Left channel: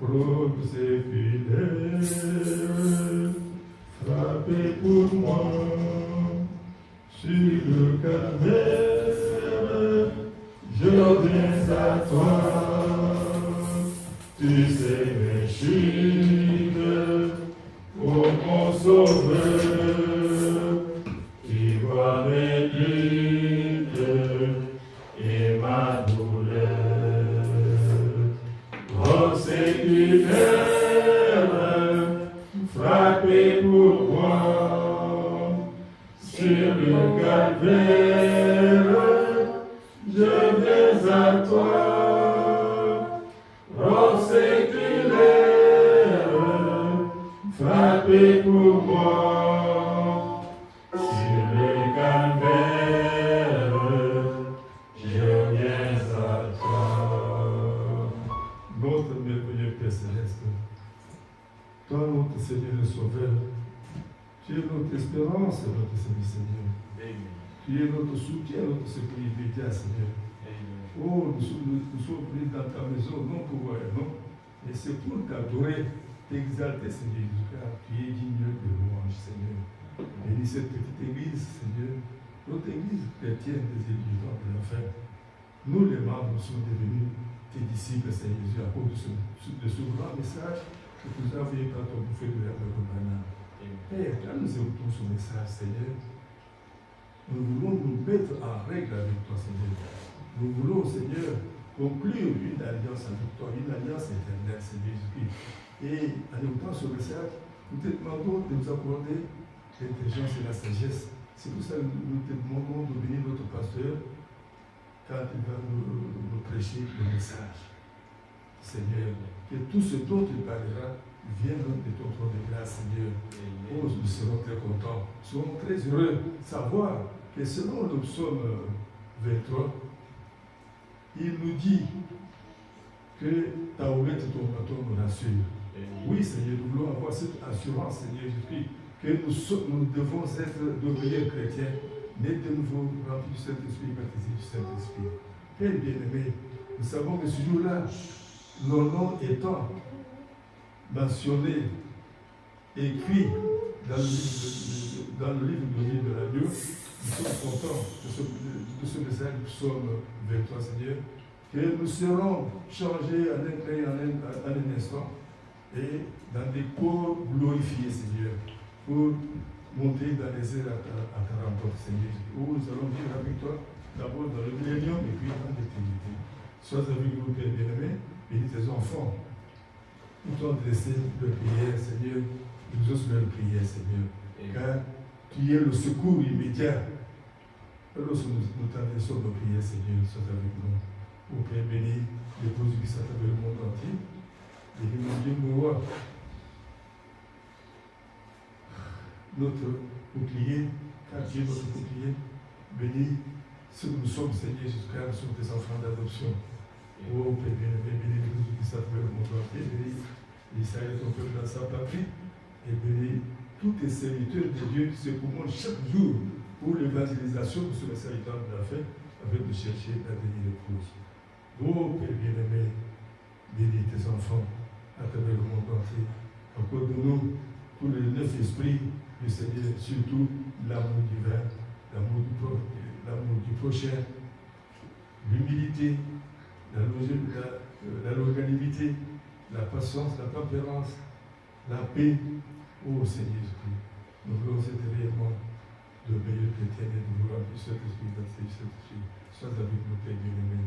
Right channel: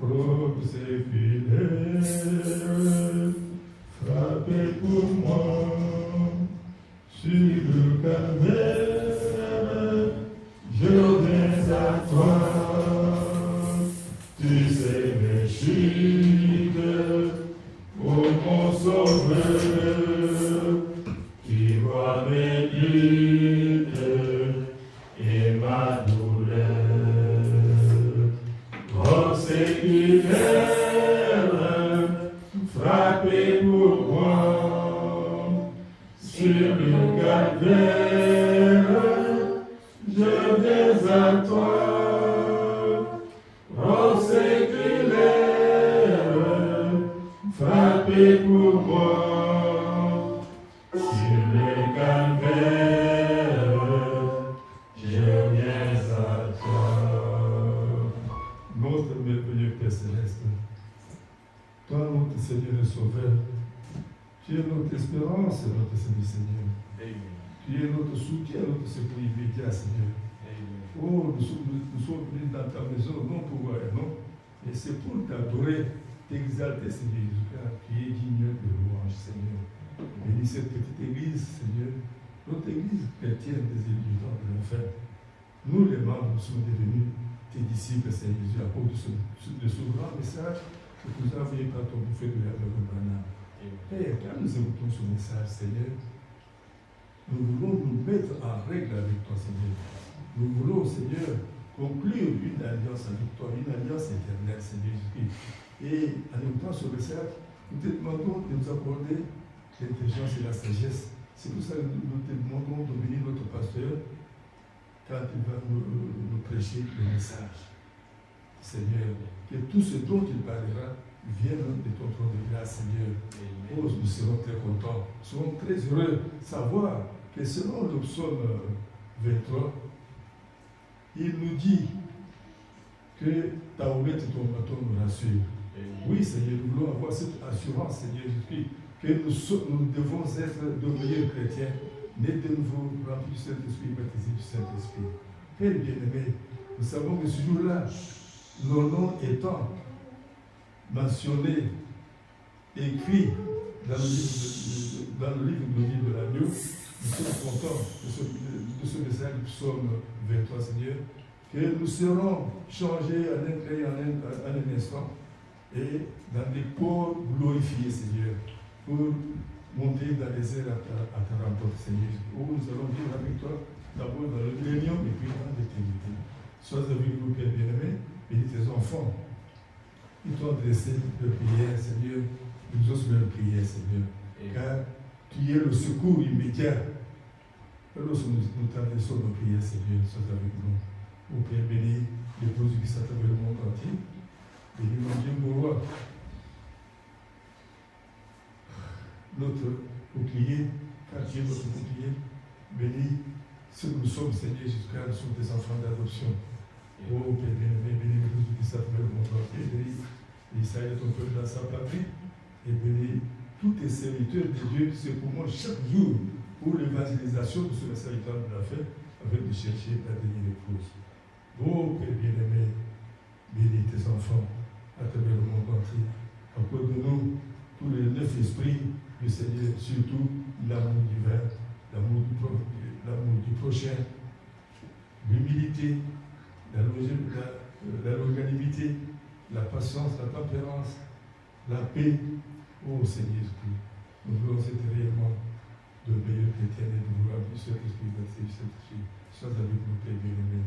Pour ses fidèles, frappez pour moi sur le calvaire, je viens à toi, tu sais mes chutes, ô mon sauveur, qui vois mes luttes et ma douleur. Oh Seigneur, frappez pour moi sur le calvaire, je viens à toi. Oh Seigneur, frappez pour moi sur le calvaire, Tu es notre soutien, notre secours immédiat, Seigneur. Oh, nous sommes venus dans ta maison, non pour voir, non, mais c'est pour t'adorer, t'exalter, Seigneur Jésus-Christ, qui est digne de louange, Seigneur. Bénis cette petite église, Seigneur, notre église chrétienne des étudiants de l'enfer. Nous, les membres, nous sommes devenus tes disciples, Seigneur Jésus, à cause de ce grand message que tu nous as envoyé par ton prophète de la Bénin. Père, quand nous écoutons ce message, Seigneur, nous voulons nous mettre en règle avec toi, Seigneur. Nous voulons, Seigneur, conclure une alliance avec toi, une alliance éternelle, Seigneur Jésus-Christ. Et en écoutant ce message, nous te demandons de nous accorder l'intelligence et la sagesse. C'est pour ça que nous te demandons de bénir notre pasteur quand il va nous prêcher le message. Seigneur, que tout ce dont il parlera vienne de ton trône de grâce, Seigneur. Oh, nous serons très contents, nous serons très heureux de savoir que selon le psaume 23, il nous dit que ta houlette et ton bâton nous rassurent. Oui, Seigneur, nous voulons avoir cette assurance, Seigneur Jésus-Christ, que nous devons être de meilleurs chrétiens, nés de nouveau, remplis du Saint-Esprit, baptisés du Saint-Esprit. Père bien-aimé, nous savons que ce jour-là, nos noms étant mentionnés, écrits dans le livre de vie de l'agneau, nous sommes contents de ce message du psaume 23, Seigneur, que nous serons changés en un clin en un instant et dans des corps glorifiés, Seigneur, pour monter dans les airs à ta rencontre, Seigneur, où nous allons vivre avec toi, d'abord dans le millénium et puis dans l'éternité. Sois avec nous, Père bien-aimé, bénis tes enfants. Ils t'ont adressé de prière, Seigneur, nous osons leur prière, Seigneur, car tu es le secours immédiat. Lorsque nous t'adressons nos prières, Seigneur, sois avec nous. Ô Père béni, l'épouse qui s'attend le monde entier, bénis mon Dieu, mon roi, notre bouclier, car tu es notre bouclier, bénis ce que nous sommes, Seigneur, jusqu'à nous sommes tes enfants d'adoption. Ô Père béni, bénis l'épouse qui s'attend le monde entier, bénis l'Israël, ton peuple dans sa patrie, et bénis tous tes serviteurs de Dieu qui se pourvoient chaque jour pour l'évangélisation de ce serviteur de la fête, avec de chercher la dernière épouse. Ô Père bien-aimé, bénis tes enfants à travers le monde entier. Accorde-nous tous les 9 esprits du Seigneur, surtout l'amour divin, l'amour du prochain, l'humilité, la longanimité, la patience, la tempérance, la paix. Ô Seigneur Jésus-Christ, nous voulons être réellement de meilleurs chrétiens et de vouloir du Saint-Esprit, du Saint-Esprit. Sois avec nous, Père bien-aimé.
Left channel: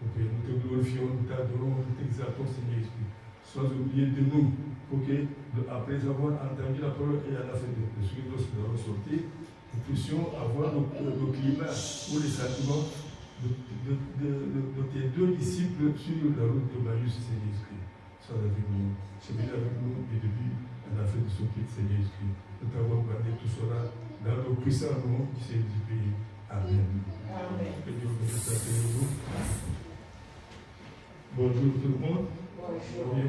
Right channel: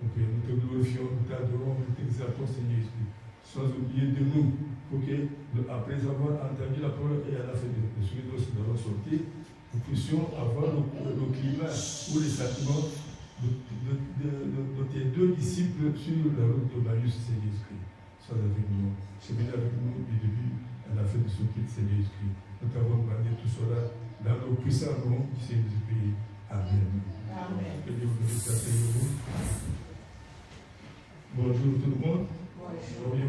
Ô Père, nous te glorifions, nous t'adorons, nous t'exaltons, Seigneur Jésus. Sois oublié de nous, pour que, après avoir entendu la parole et à la fin de ce que nous avons sorti, nous puissions avoir le climat ou les sentiments de tes deux disciples sur la route de Marius, Seigneur Jésus. Sois avec nous. Sois avec nous du début à la fin de ce qui est Seigneur Jésus. Nous t'avons gardé tout cela dans le puissant nom du Seigneur Jésus. Amen. Amen. Que Dieu vous bénisse. Bonjour tout le monde.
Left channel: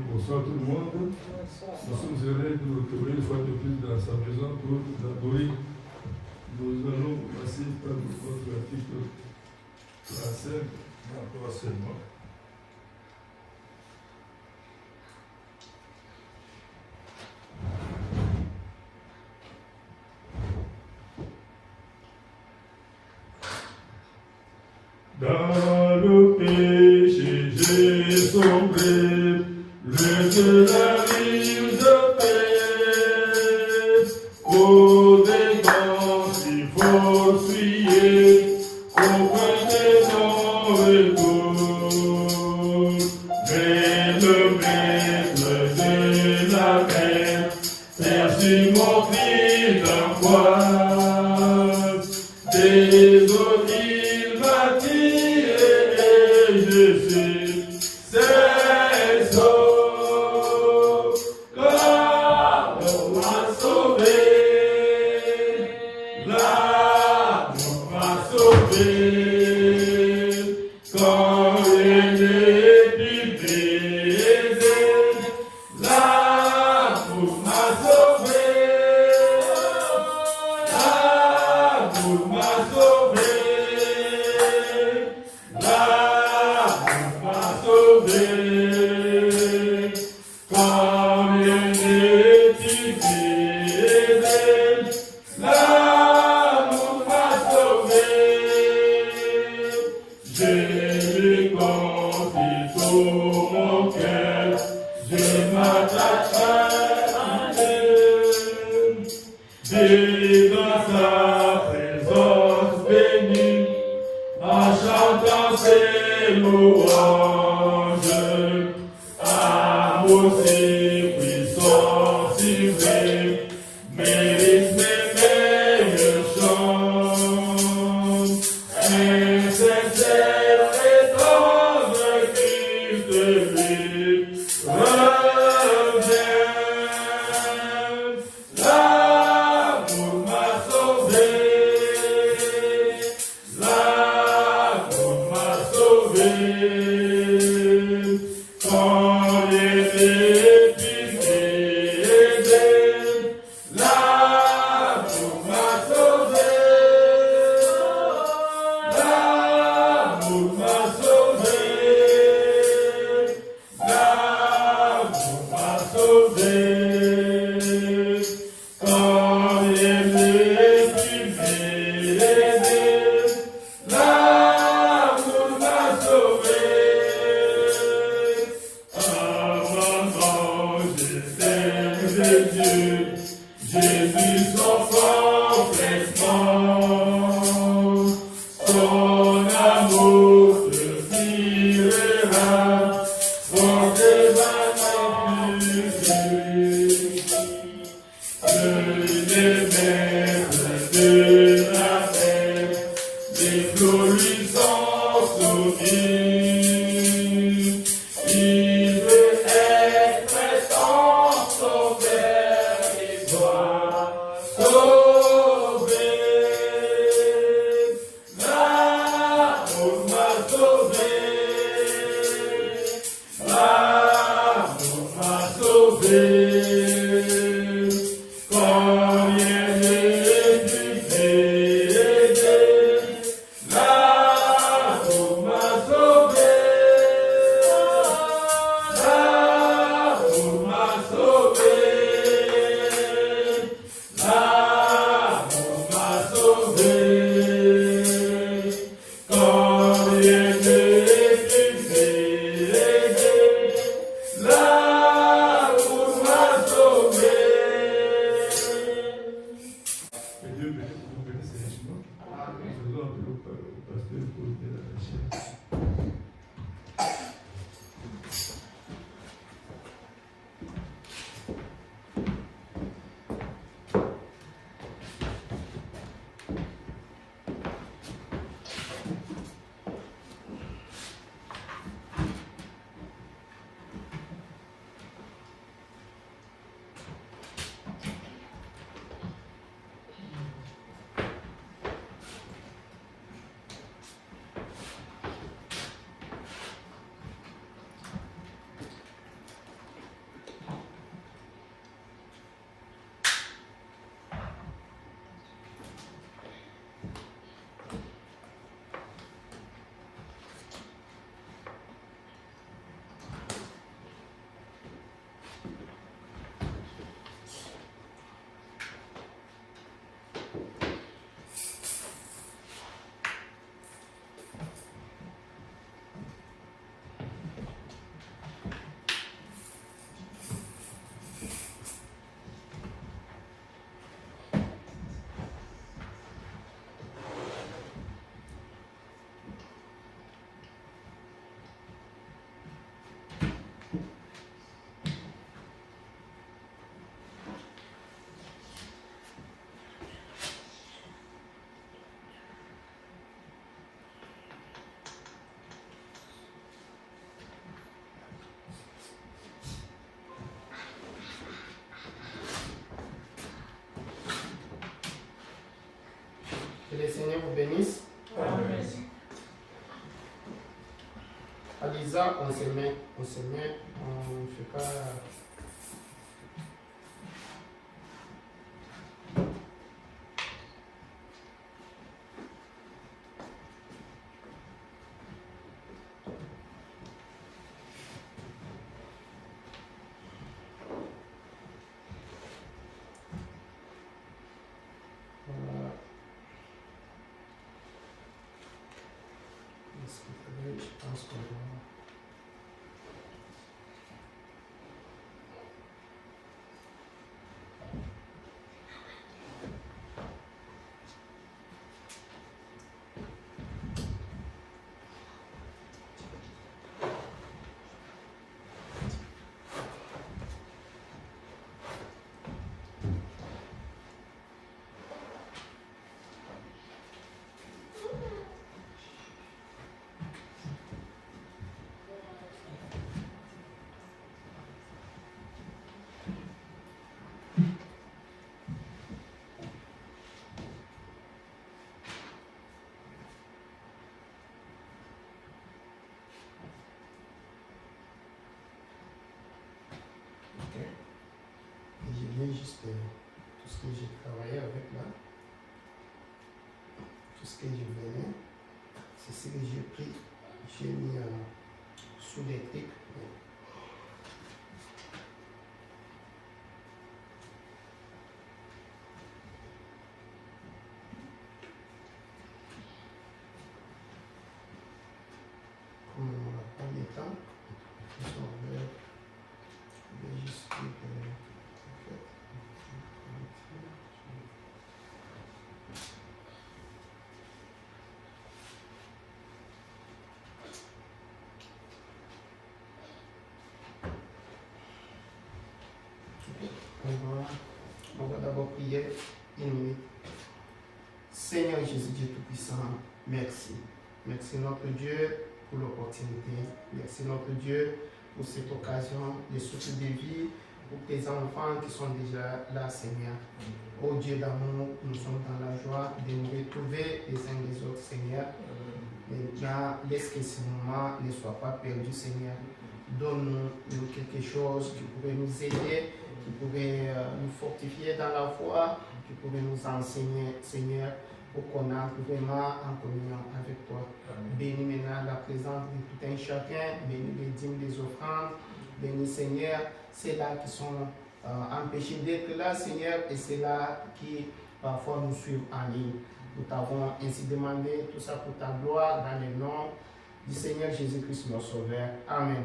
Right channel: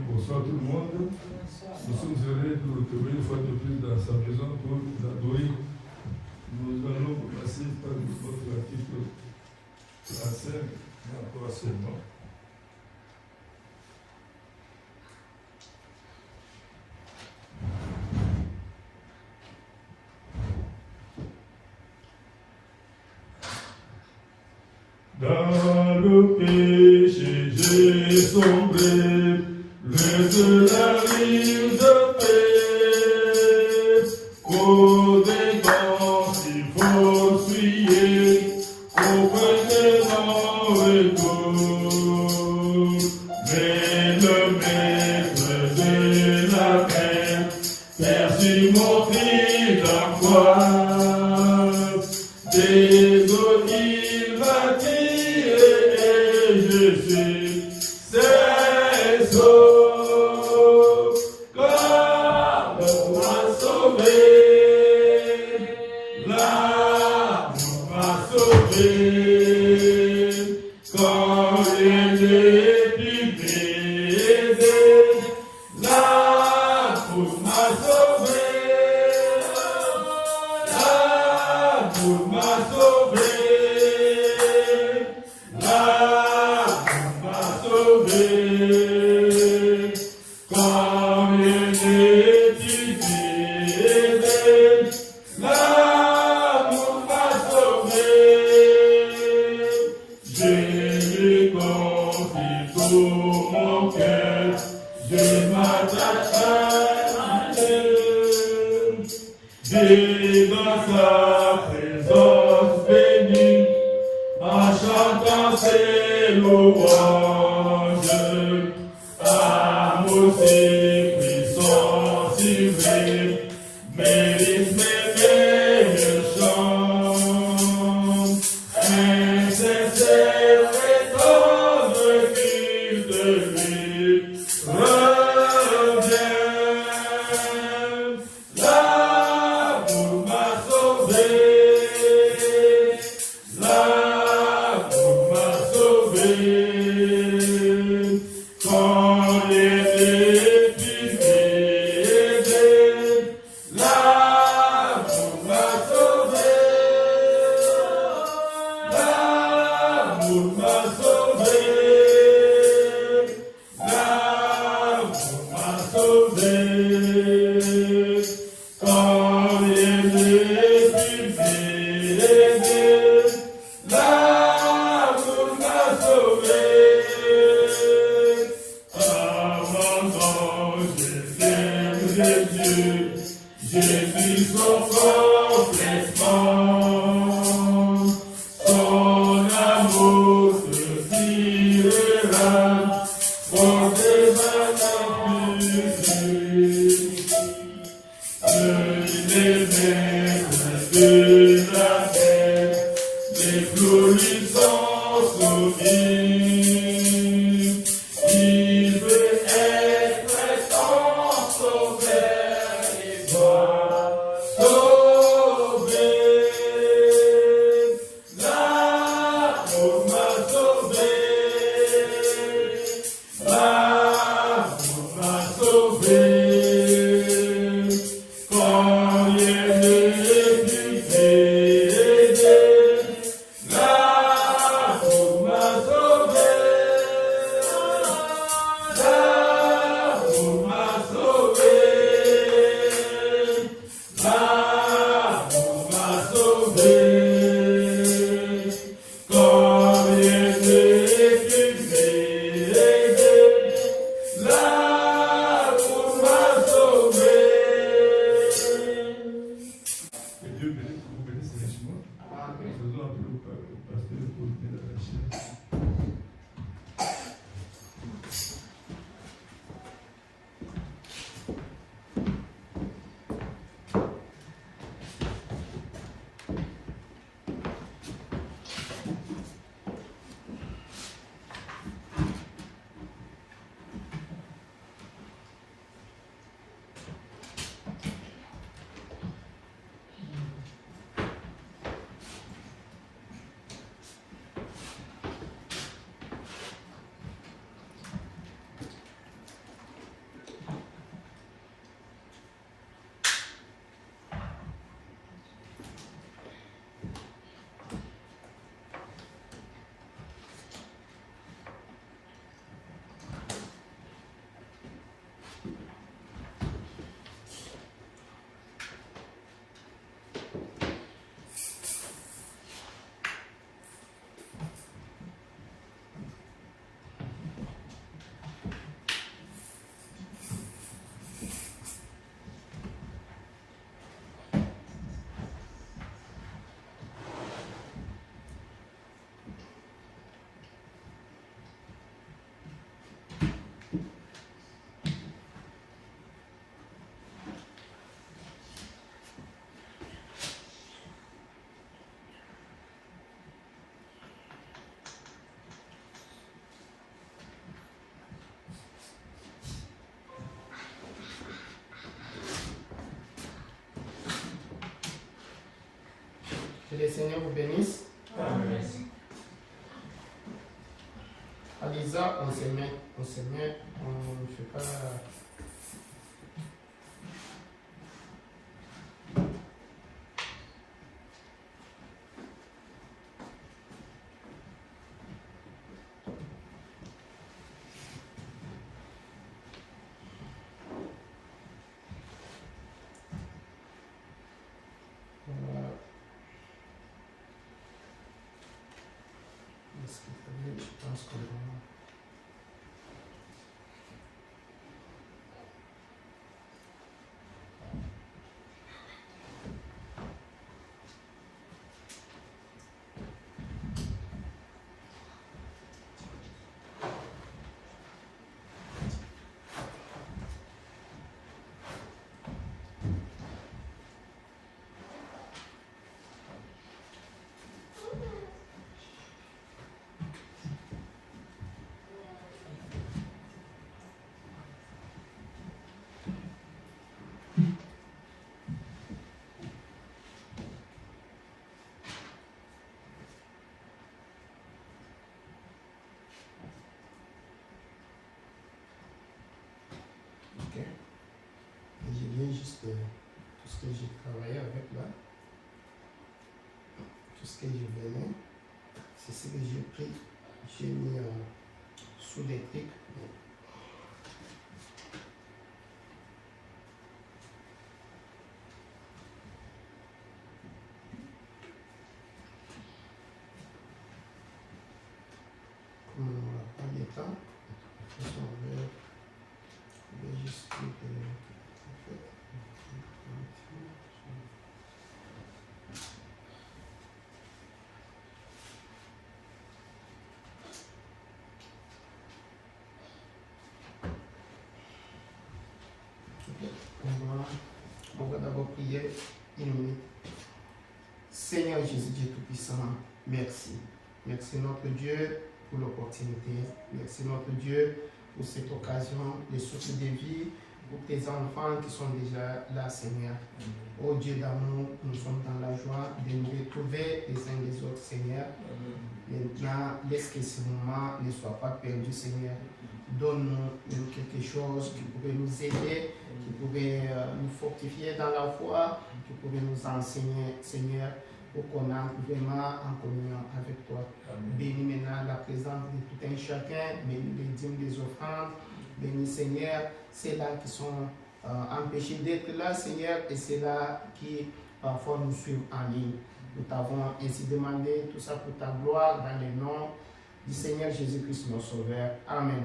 Bonsoir tout le monde. Nous sommes heureux de nous retrouver une fois de plus dans sa maison pour adorer. Nous allons passer par notre article 35 et encore seulement. Dans le péché, j'ai sombré, le de la ligne de paix. Aux dépenses, il faut prier, auprès des non-retours. Mais le maître de la paix, perçut mon cri d'angoisse. Désolé, il m'a tiré et je suis ses eaux. L'amour m'a sauvé, l'amour m'a sauvé. Quand je n'ai plus baisé, l'amour m'a sauvé, l'amour m'a sauvé. ses louanges, amour si puissant, si vrai, mérite mes meilleurs chants. Insincère et tendre qu'il de lui revient. L'amour m'a sauvé. L'amour m'a sauvé. Quand il est piqué, l'amour m'a sauvé. L'amour m'a sauvé. L'amour m'a sauvé. Quand il est piqué, l'amour m'a sauvé. Avant j'étais de Dieu, Jésus son complètement. Son amour se tirera pour des années plus. Les maîtres de la terre, les flots lui sont soumis. Il veut être ton sauveur et soit sauvé. L'amour m'a sauvé. L'amour m'a sauvé. Quand il est piqué, l'amour m'a sauvé. L'amour m'a sauvé. L'amour m'a sauvé. Quand il est piqué, l'amour m'a sauvé. Que Dieu vous bénisse richement. Faisons un peu le pasteur pour venir à la chaise. Que le Seigneur vous bénisse. Amen. À Lisa, on se met, on ne fait pas. Voilà. Je pense qu'on va. c'est tout ce que j'ai travaillé avec là. Tout ce que je venais, c'est ce que j'ai pris. J'ai mis sous les trucs. Comme on n'a pas le temps, de toute façon, on va juste dire que, en fait, on va d'abord prier une minute. Seigneur Jésus, Dieu Tout-Puissant, merci. Merci notre Dieu pour l'opportunité. Merci notre Dieu pour cette occasion de souffle de vie pour tes enfants qui sont déjà là, Seigneur. Oh Dieu d'amour, nous sommes dans la joie de nous retrouver les uns des autres, Seigneur. Maintenant, laisse que ce moment ne soit pas perdu, Seigneur. Donne-nous quelque chose qui pourrait nous aider, qui pourrait nous fortifier dans la foi, qui pourrait nous enseigner, Seigneur, pour qu'on entre vraiment en communion avec toi. Bénis maintenant la présence de tout un chacun, bénis les dîmes des offrandes, bénis, Seigneur, ceux-là qui sont empêchés d'être là, Seigneur, et ceux-là qui parfois nous suivent en ligne. Nous t'avons ainsi demandé tout ça pour ta gloire dans le nom du Seigneur Jésus-Christ, notre Sauveur. Amen.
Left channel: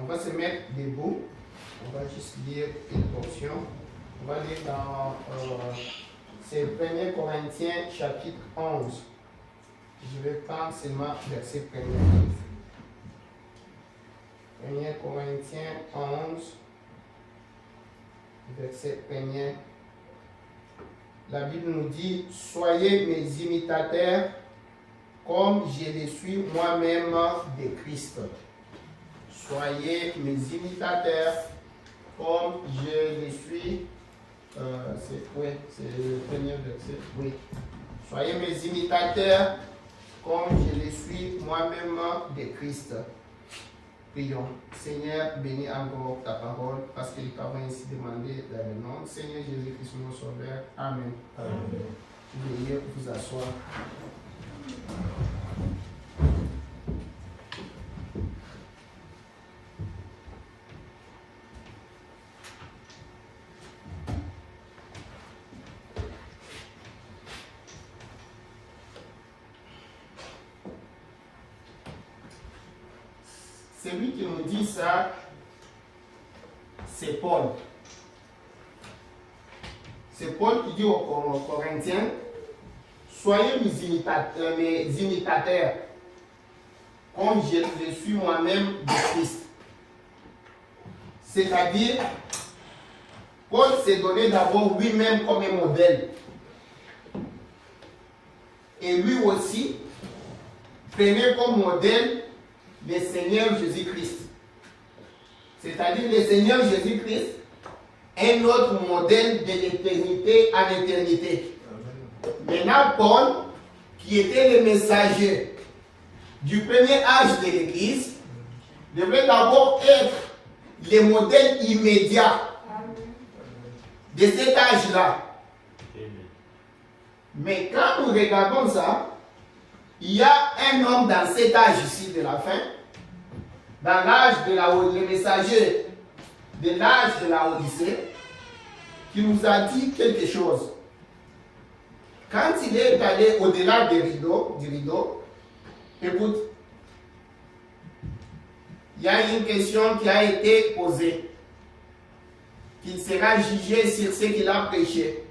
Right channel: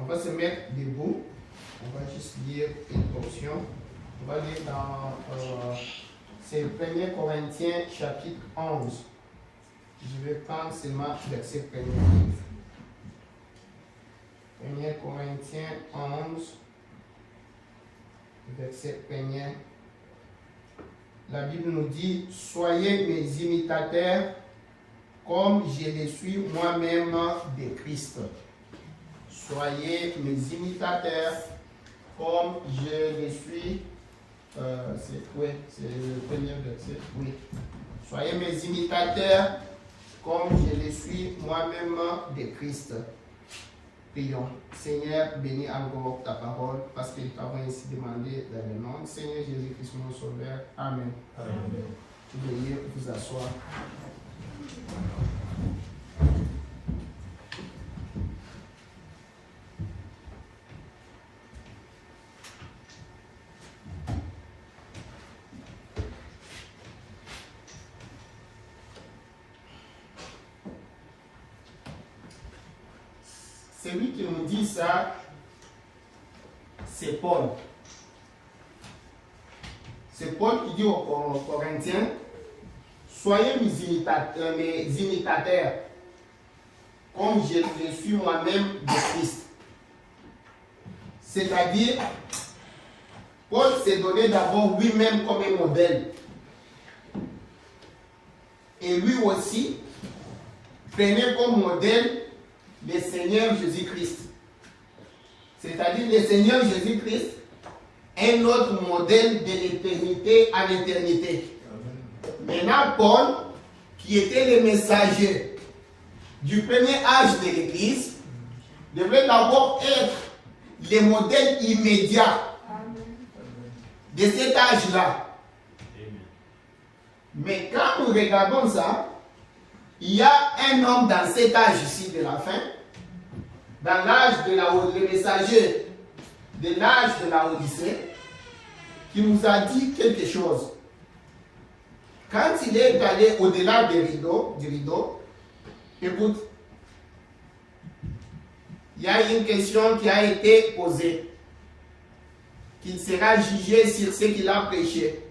On va se mettre debout. On va juste lire une portion. On va lire dans c'est 1 Corinthiens chapitre 11. Je vais prendre seulement verset 1. 1 Corinthiens 11, verset 1. La Bible nous dit, soyez mes imitateurs comme je le suis moi-même de Christ. Soyez mes imitateurs comme je le suis. C'est le premier verset. Oui. Soyez mes imitateurs comme je le suis moi-même de Christ. Prions. Seigneur, bénis encore ta parole parce que nous t'avons ainsi demandé dans le nom. Seigneur Jésus-Christ, mon Sauveur. Amen. Veuillez vous asseoir. Celui qui nous dit ça, c'est Paul. C'est Paul qui dit aux Corinthiens, soyez mes imitateurs, comme je suis moi-même de Christ. C'est-à-dire, Paul s'est donné d'abord lui-même comme un modèle. Et lui aussi, prenait comme modèle le Seigneur Jésus-Christ. C'est-à-dire le Seigneur Jésus-Christ est notre modèle de l'éternité à l'éternité. Maintenant, Paul, qui était le messager du premier âge de l'Église, devait d'abord être le modèle immédiat de cet âge-là. Mais quand nous regardons ça, il y a un homme dans cet âge ici de la fin, dans l'âge de le messager de l'âge de la Odyssée, qui nous a dit quelque chose. Quand il est allé au-delà du rideau, écoute, il y a une question qui a été posée, qu'il sera jugé sur ce qu'il a prêché.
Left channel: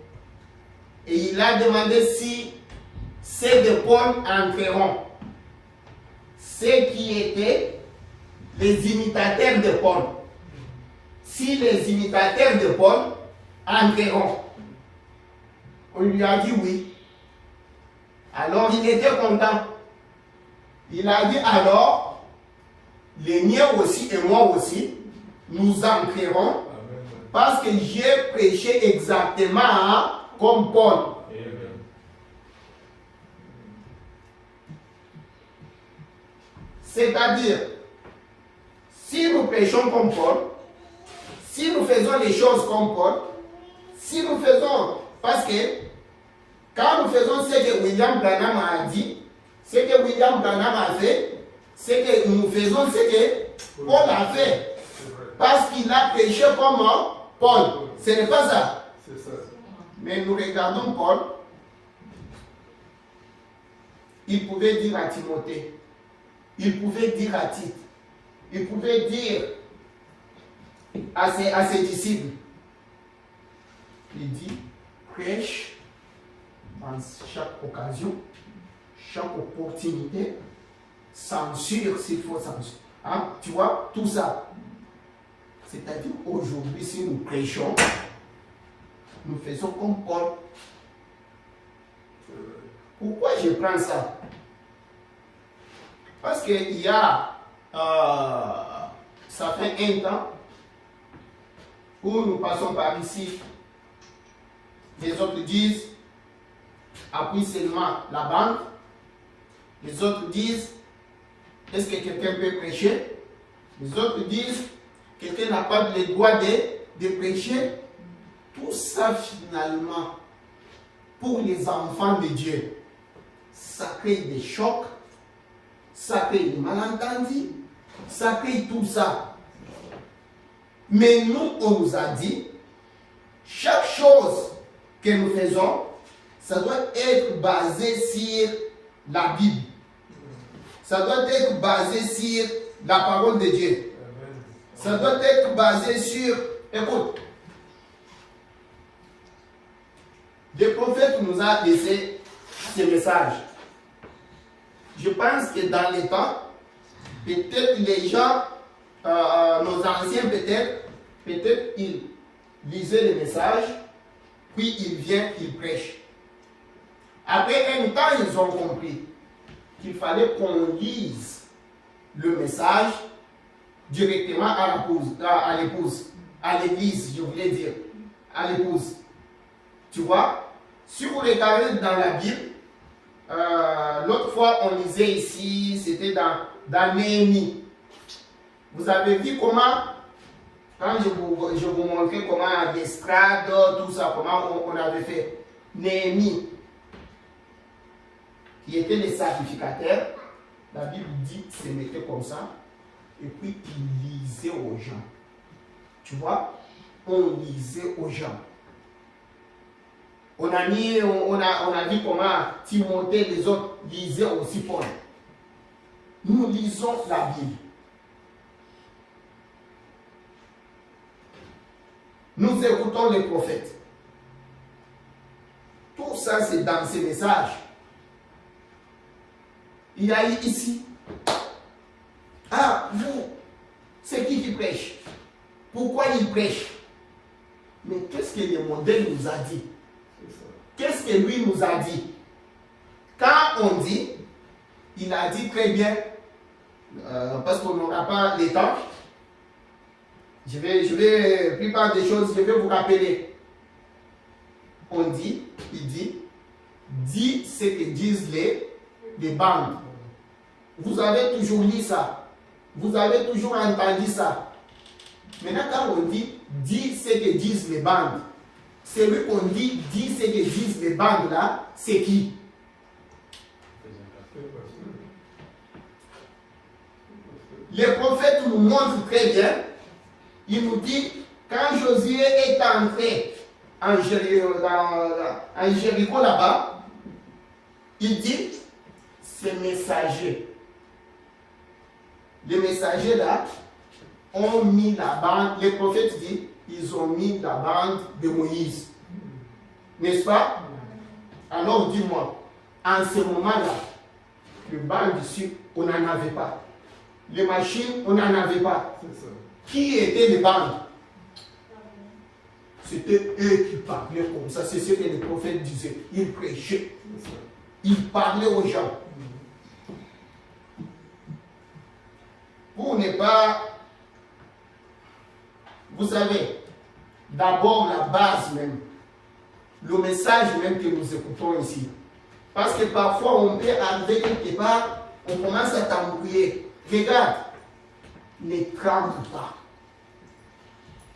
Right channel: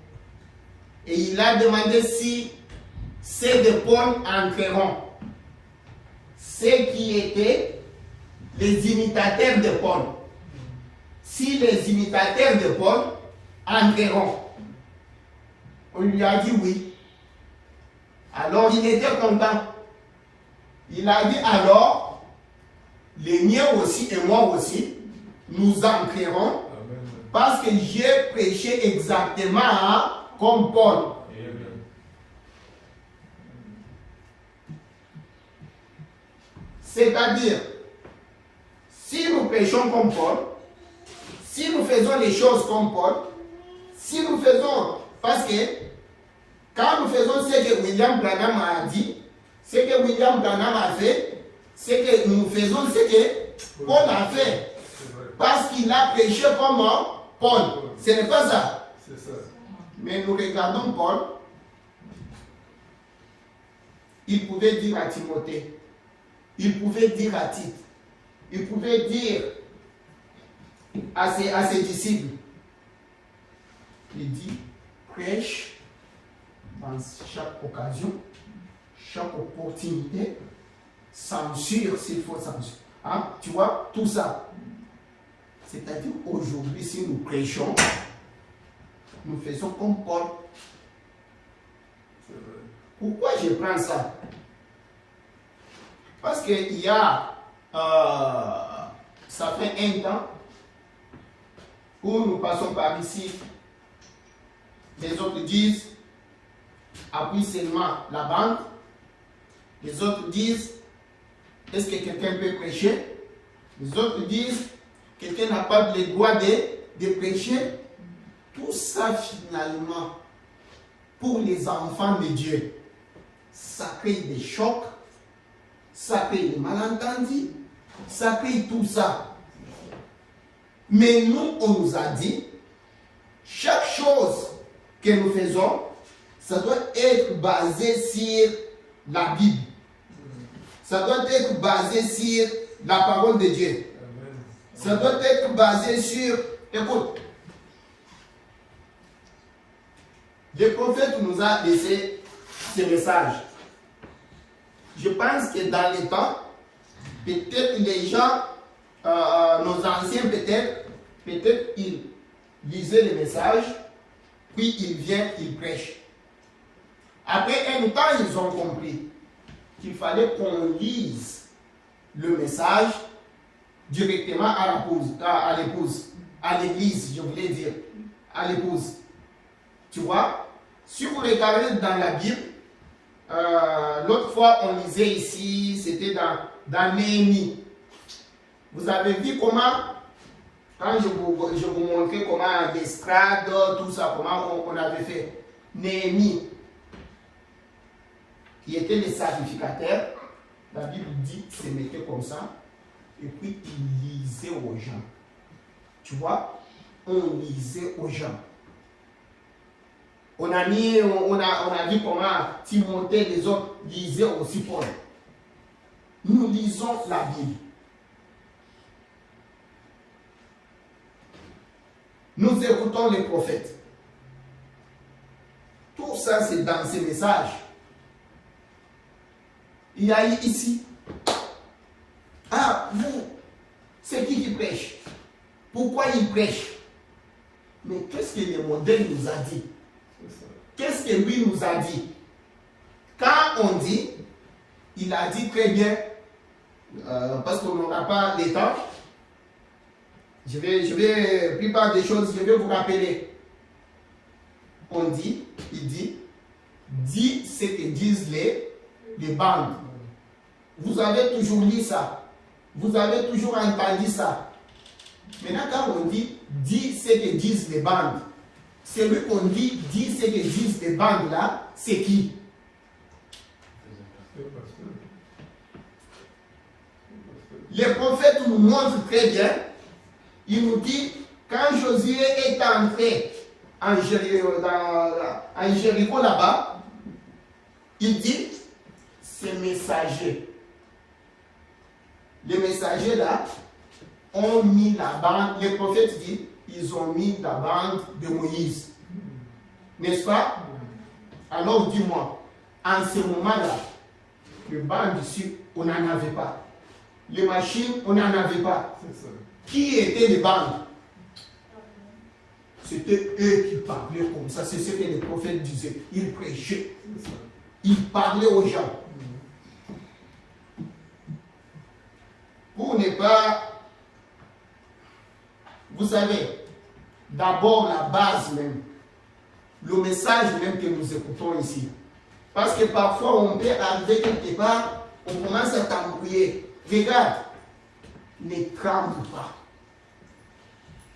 Et il a demandé si ceux de Paul entreront. Ceux qui étaient les imitateurs de Paul. Si les imitateurs de Paul entreront. On lui a dit oui. Alors il était content. Il a dit alors, les miens aussi et moi aussi, nous entrerons parce que j'ai prêché exactement comme Paul. C'est-à-dire, si nous prêchons comme Paul, si si nous faisons les choses comme Paul, si nous faisons, parce que quand nous faisons ce que William Branham a dit, ce que William Branham a fait, c'est que nous faisons ce que Paul a fait. Parce qu'il a prêché comme Paul. Ce n'est pas ça. C'est ça. Mais nous regardons Paul. Il pouvait dire à Timothée, il pouvait dire à Tite, il pouvait dire à ses disciples, il dit, prêche dans chaque occasion, chaque opportunité, censure s'il faut censure. Hein? Tu vois, tout ça. C'est-à-dire aujourd'hui, si nous prêchons, nous faisons comme Paul. Pourquoi je prends ça? Parce qu'il y a, ça fait un temps où nous passons par ici. Les autres disent, appuie seulement la bande. Les autres disent, est-ce que quelqu'un peut prêcher? Les autres disent, quelqu'un n'a pas le droit de prêcher. Tout ça finalement, pour les enfants de Dieu, ça crée des chocs, ça crée des malentendus, ça crée tout ça. Mais nous, on nous a dit, chaque chose que nous faisons, ça doit être basé sur la Bible. Ça doit être basé sur la parole de Dieu. Ça doit être basé sur... Écoute, le prophète nous a laissé ce message. Je pense que dans les temps, peut-être les gens, nos anciens peut-être ils lisaient le message, puis ils viennent, ils prêchent. Après un temps, ils ont compris qu'il fallait qu'on lise le message directement à l'épouse, à l'église, je voulais dire, à l'épouse. Tu vois, si vous regardez dans la Bible, l'autre fois on lisait ici, c'était dans Néhémie. Vous avez vu comment, quand je vous montrais comment l'estrade, tout ça, comment on avait fait. Néhémie, qui était le sacrificateur, la Bible dit qu'il se mettait comme ça, et puis il lisait aux gens. Tu vois, on lisait aux gens. On a vu comment Timothée et les autres lisaient aussi Paul. Nous lisons la Bible. Nous écoutons les prophètes. Tout ça, c'est dans ces messages. Il y a ici. Ah, vous, c'est qui prêche? Pourquoi il prêche? Mais qu'est-ce que le modèle nous a dit? Qu'est-ce que lui nous a dit? Quand on dit, il a dit très bien, parce qu'on n'aura pas le temps, je vais, plupart des choses, je vais vous rappeler. On dit, il dit ce que disent les bandes. Vous avez toujours lu ça. Vous avez toujours entendu ça. Maintenant, quand on dit ce que disent les bandes, celui qu'on dit ce que disent les bandes là, c'est qui? Les prophètes nous montrent très bien. Il nous dit, quand Josué est entré en Jéricho là-bas, il dit, ces messagers. Les messagers là ont mis la bande, les prophètes disent, ils ont mis la bande de Moïse. N'est-ce pas? Alors dis-moi, en ce moment-là, les bandes ici, on n'en avait pas. Les machines, on n'en avait pas. Qui étaient les bandes? C'était eux qui parlaient comme ça. C'est ce que les prophètes disaient. Ils prêchaient. Ils parlaient aux gens. Pour ne pas... Vous savez, d'abord la base même, le message même que nous écoutons ici. Parce que parfois on peut arriver quelque part, on commence à t'embrouiller. Regarde, ne tremble pas.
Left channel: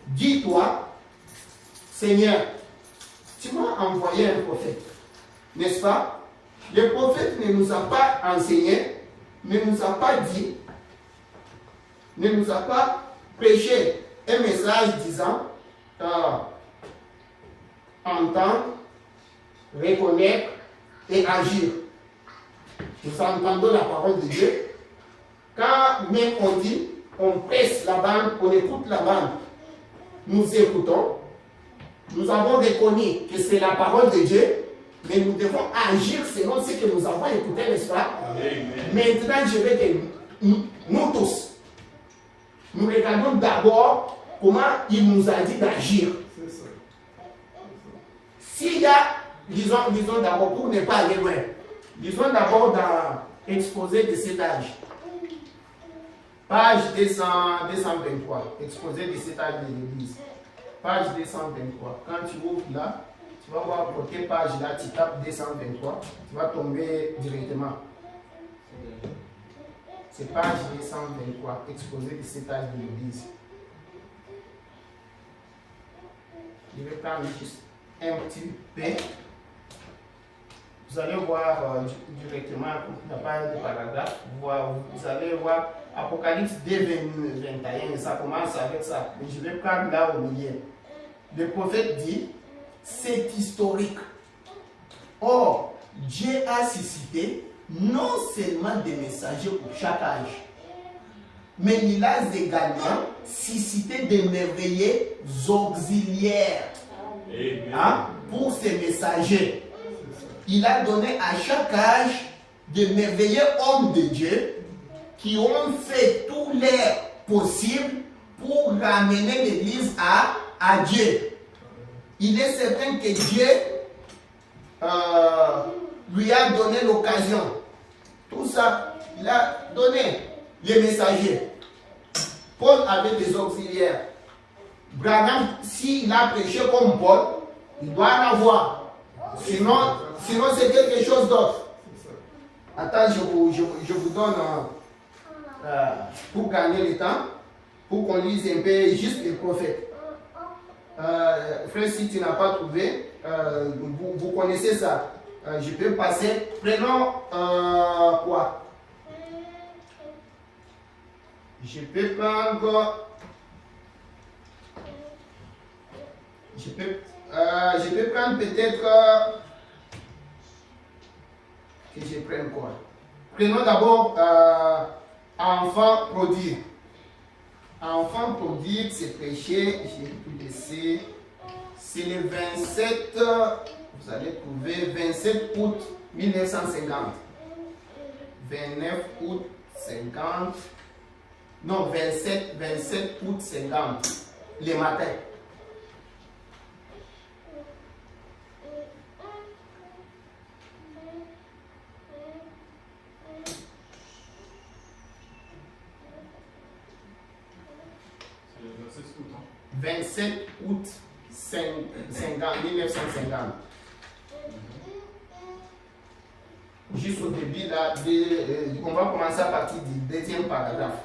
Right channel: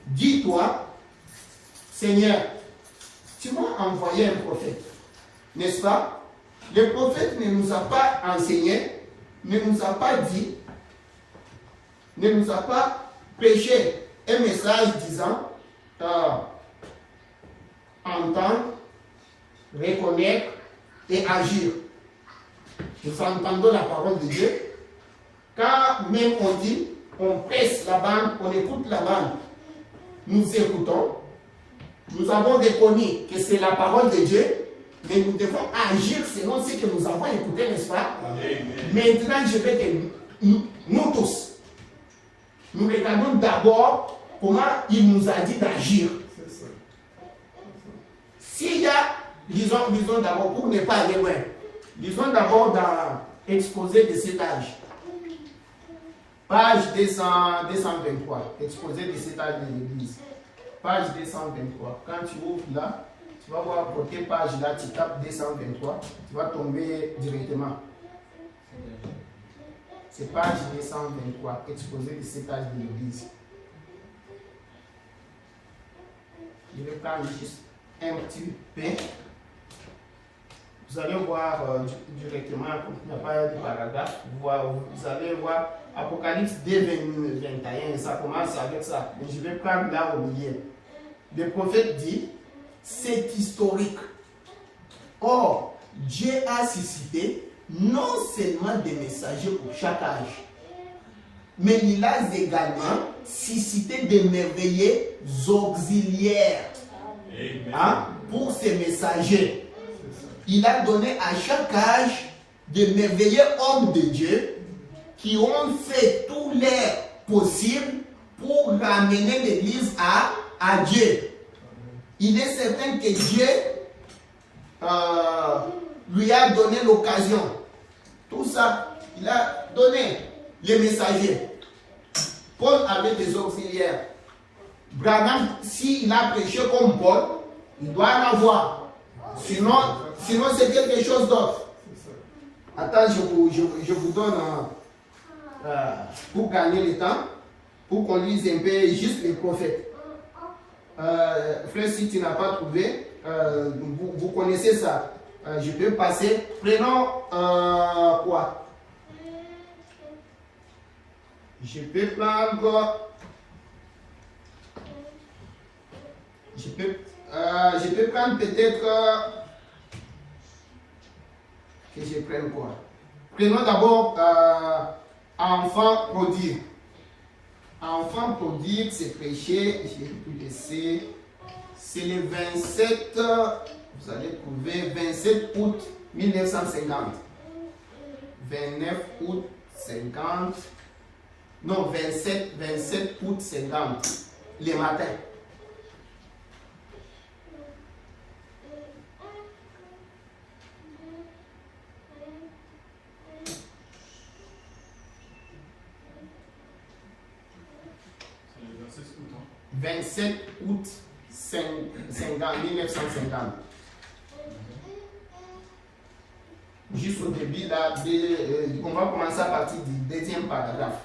dis-toi, Seigneur, tu m'as envoyé un prophète, n'est-ce pas? Le prophète ne nous a pas enseigné, ne nous a pas dit, ne nous a pas prêché un message disant entendre, reconnaître et agir. Nous entendons la parole de Dieu. Quand même on dit, on presse la bande, on écoute la bande, nous écoutons. Nous avons reconnu que c'est la parole de Dieu, mais nous devons agir selon ce que nous avons écouté, n'est-ce pas? Amen. Maintenant, je vais que nous tous, nous regardons d'abord comment il nous a dit d'agir. S'il y a, lisons d'abord, pour ne pas aller loin, lisons d'abord dans Exposé de cet âge. Page 223, Exposé de cet âge de l'Église. Page 223. Quand tu ouvres là, tu vas voir côté page là, tu tapes 223, tu vas tomber directement. C'est page 223, Exposé de cet âge de l'Église. Je vais prendre juste un petit peu. Vous allez voir directement, il n'y a pas de paragraphe, vous allez voir Apocalypse 2, 21, ça commence avec ça. Mais je vais prendre là au milieu. Le prophète dit, c'est historique. Or, Dieu a suscité non seulement des messagers pour chaque âge, mais il a également suscité des merveilleux auxiliaires pour ces messagers. Il a donné à chaque âge de merveilleux hommes de Dieu qui ont fait tout leur possible pour ramener l'Église à Dieu. Il est certain que Dieu lui a donné l'occasion. Tout ça, il a donné les messagers. Paul avait des auxiliaires. Branham, s'il a prêché comme Paul, il doit en avoir. Sinon c'est quelque chose d'autre. Attends, je vous donne pour gagner le temps, pour qu'on lise un peu juste les prophètes. Frère, si tu n'as pas trouvé, vous connaissez ça. Je peux passer. Prenons quoi? Je peux prendre. Je peux prendre peut-être que je prenne quoi? Prenons d'abord enfant prodigue. Enfant prodigue, c'est prêché, j'ai pu laisser. C'est le 27, vous allez trouver 27 août 1950. 29 août 50. Non, 27 août 50. Le matin. « 27 août 1950. Juste au début, là, on va commencer à partir du deuxième paragraphe.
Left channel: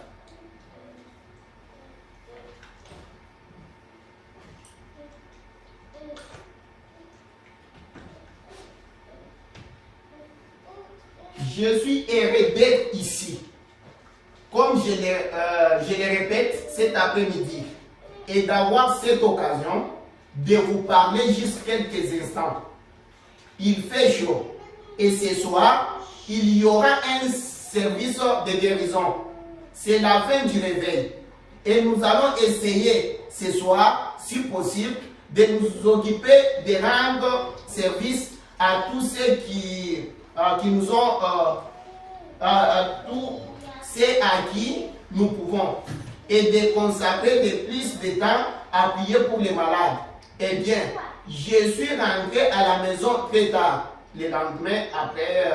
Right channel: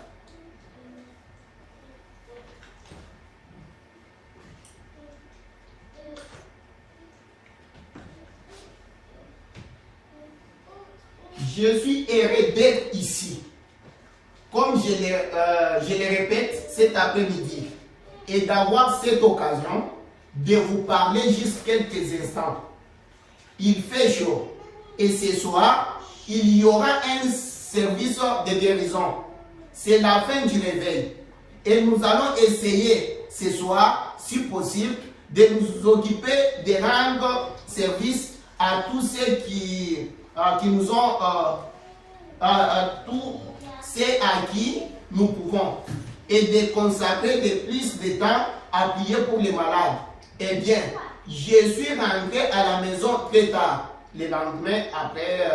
Je suis heureux d'être ici, comme je le répète cet après-midi, et d'avoir cette occasion de vous parler juste quelques instants. Il fait chaud et ce soir, il y aura un service de guérison. C'est la fin du réveil et nous allons essayer ce soir, si possible, de nous occuper de rendre service à tous ceux qui nous ont, à tous ceux à qui nous pouvons, et de consacrer de plus de temps à prier pour les malades. Eh bien, je suis rentré à la maison très tard, le lendemain après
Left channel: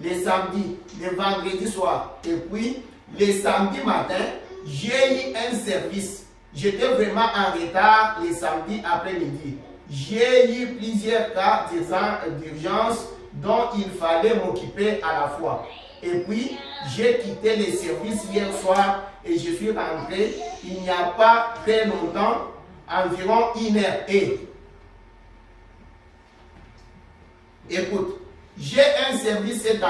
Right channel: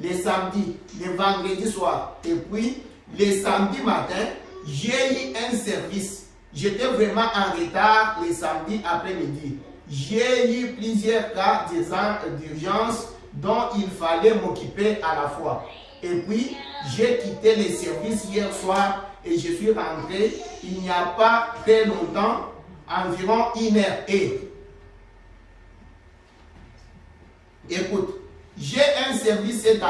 le samedi, le vendredi soir, et puis le samedi matin, j'ai eu un service. J'étais vraiment en retard le samedi après-midi. J'ai eu plusieurs cas d'urgence dont il fallait m'occuper à la fois. Et puis, j'ai quitté le service hier soir et je suis rentré il n'y a pas très longtemps, environ 1h. Écoute, j'ai un service cet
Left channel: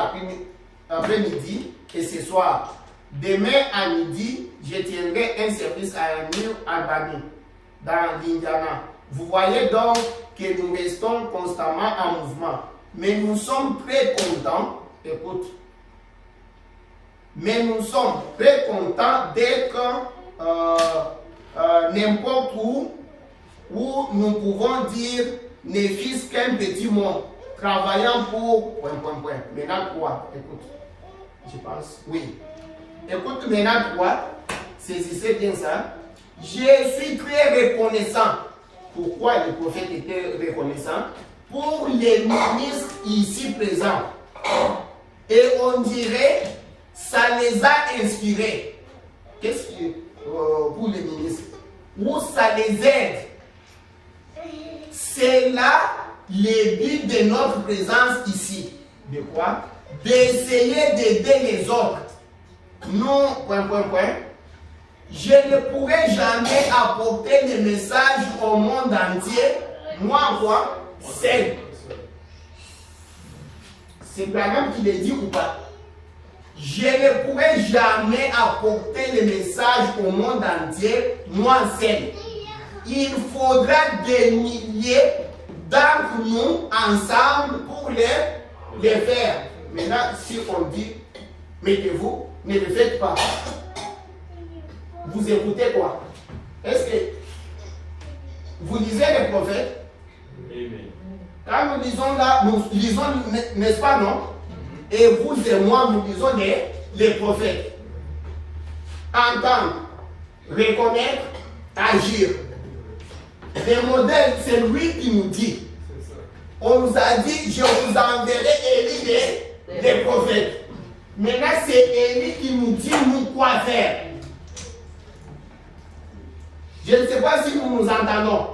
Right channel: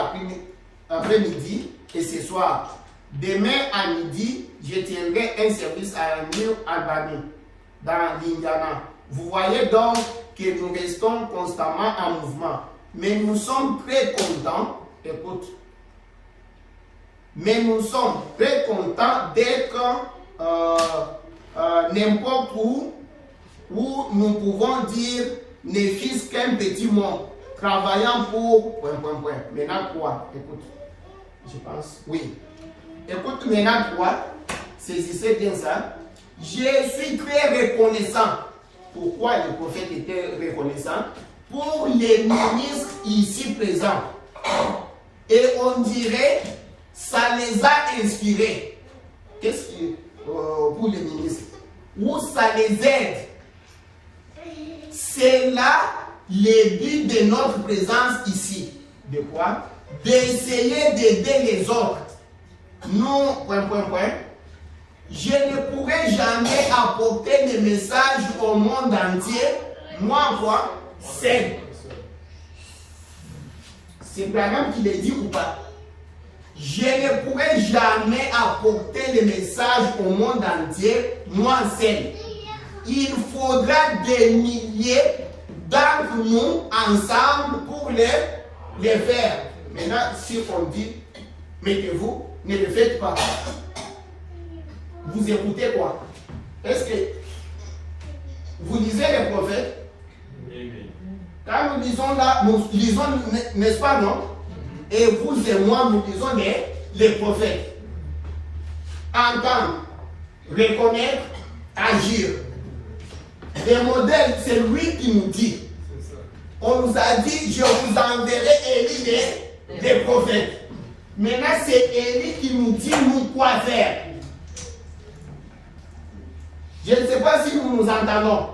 après-midi et ce soir. Demain à midi, je tiendrai un service à New Albany, dans l'Indiana. Vous voyez donc que nous restons constamment en mouvement. Mais nous sommes très contents, écoute, mais nous sommes très contents d'être n'importe où nous pouvons dire ne fût-ce qu'un petit mot, travaillant pour... Maintenant quoi? Écoute, je pense, oui. Écoute maintenant quoi? Saisissez bien ça. Je suis très reconnaissant. Pourquoi le prophète était reconnaissant? Pour les ministres ici présents. Et on dirait, ça les a inspirés. Qu'est-ce qui pour les ministres? Ou ça les aide. C'est là le but de notre présence ici. De quoi? D'essayer d'aider les autres. Nous, je ne pourrai jamais apporter le message au monde entier. Moi, quoi? Seul. C'est Branham qui le dit ou pas? Je ne pourrai jamais apporter le message au monde entier, moi seul. Il faudra des milliers d'entre nous ensemble pour les faire. Maintenant, si on dit, mettez-vous, ne le faites pas. Vous écoutez quoi? Est-ce que vous lisez les prophètes? Quand nous lisons là, nous lisons, n'est-ce pas, non? Et vous et moi, nous lisons les prophètes. Entendre, reconnaître, agir. Les modèles, c'est lui qui nous dit. On nous a dit, je vous enverrai Élie les prophètes. Maintenant, c'est Élie qui nous dit nous quoi faire. Je ne sais pas si nous nous entendons.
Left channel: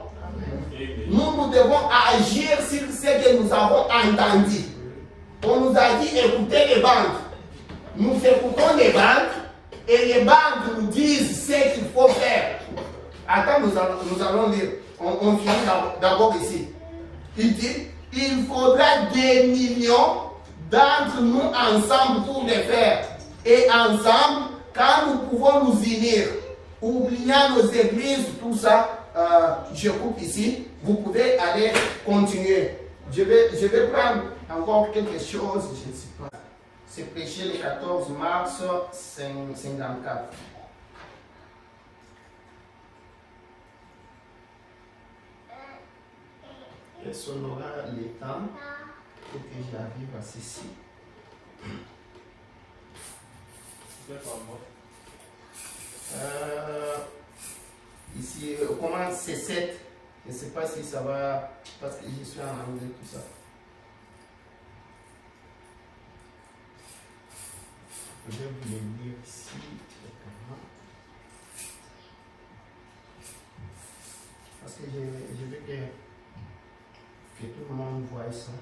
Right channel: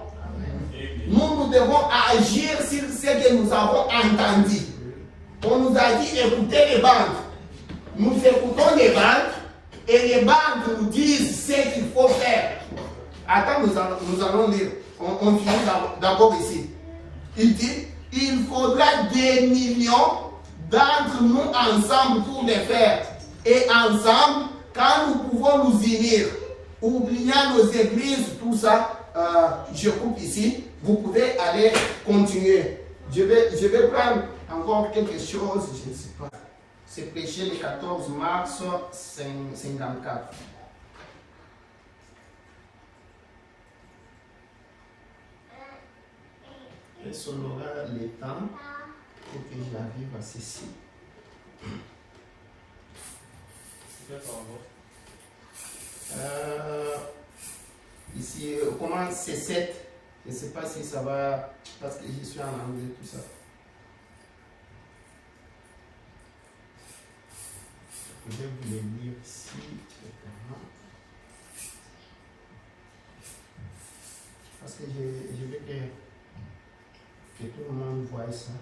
Nous devons agir sur ce que nous avons entendu. On nous a dit écoutez les banques. Nous écoutons les banques et les banques nous disent ce qu'il faut faire. Attends, nous allons lire. On finit d'abord ici. Il dit il faudra des millions d'entre nous ensemble pour les faire. Et ensemble, quand nous pouvons nous unir, oubliant nos églises, tout ça, je coupe ici. Vous pouvez aller continuer. Je vais prendre encore quelque chose, je ne sais pas. C'est prêché le 14 mars 54. Est-ce qu'on aura le temps pour que j'arrive à ceci? Ici, comment c'est 7? Je ne sais pas si ça va, parce que je suis en anglais, tout ça. Je vais vous le lire ici. Parce que je veux que tout le monde voie ça.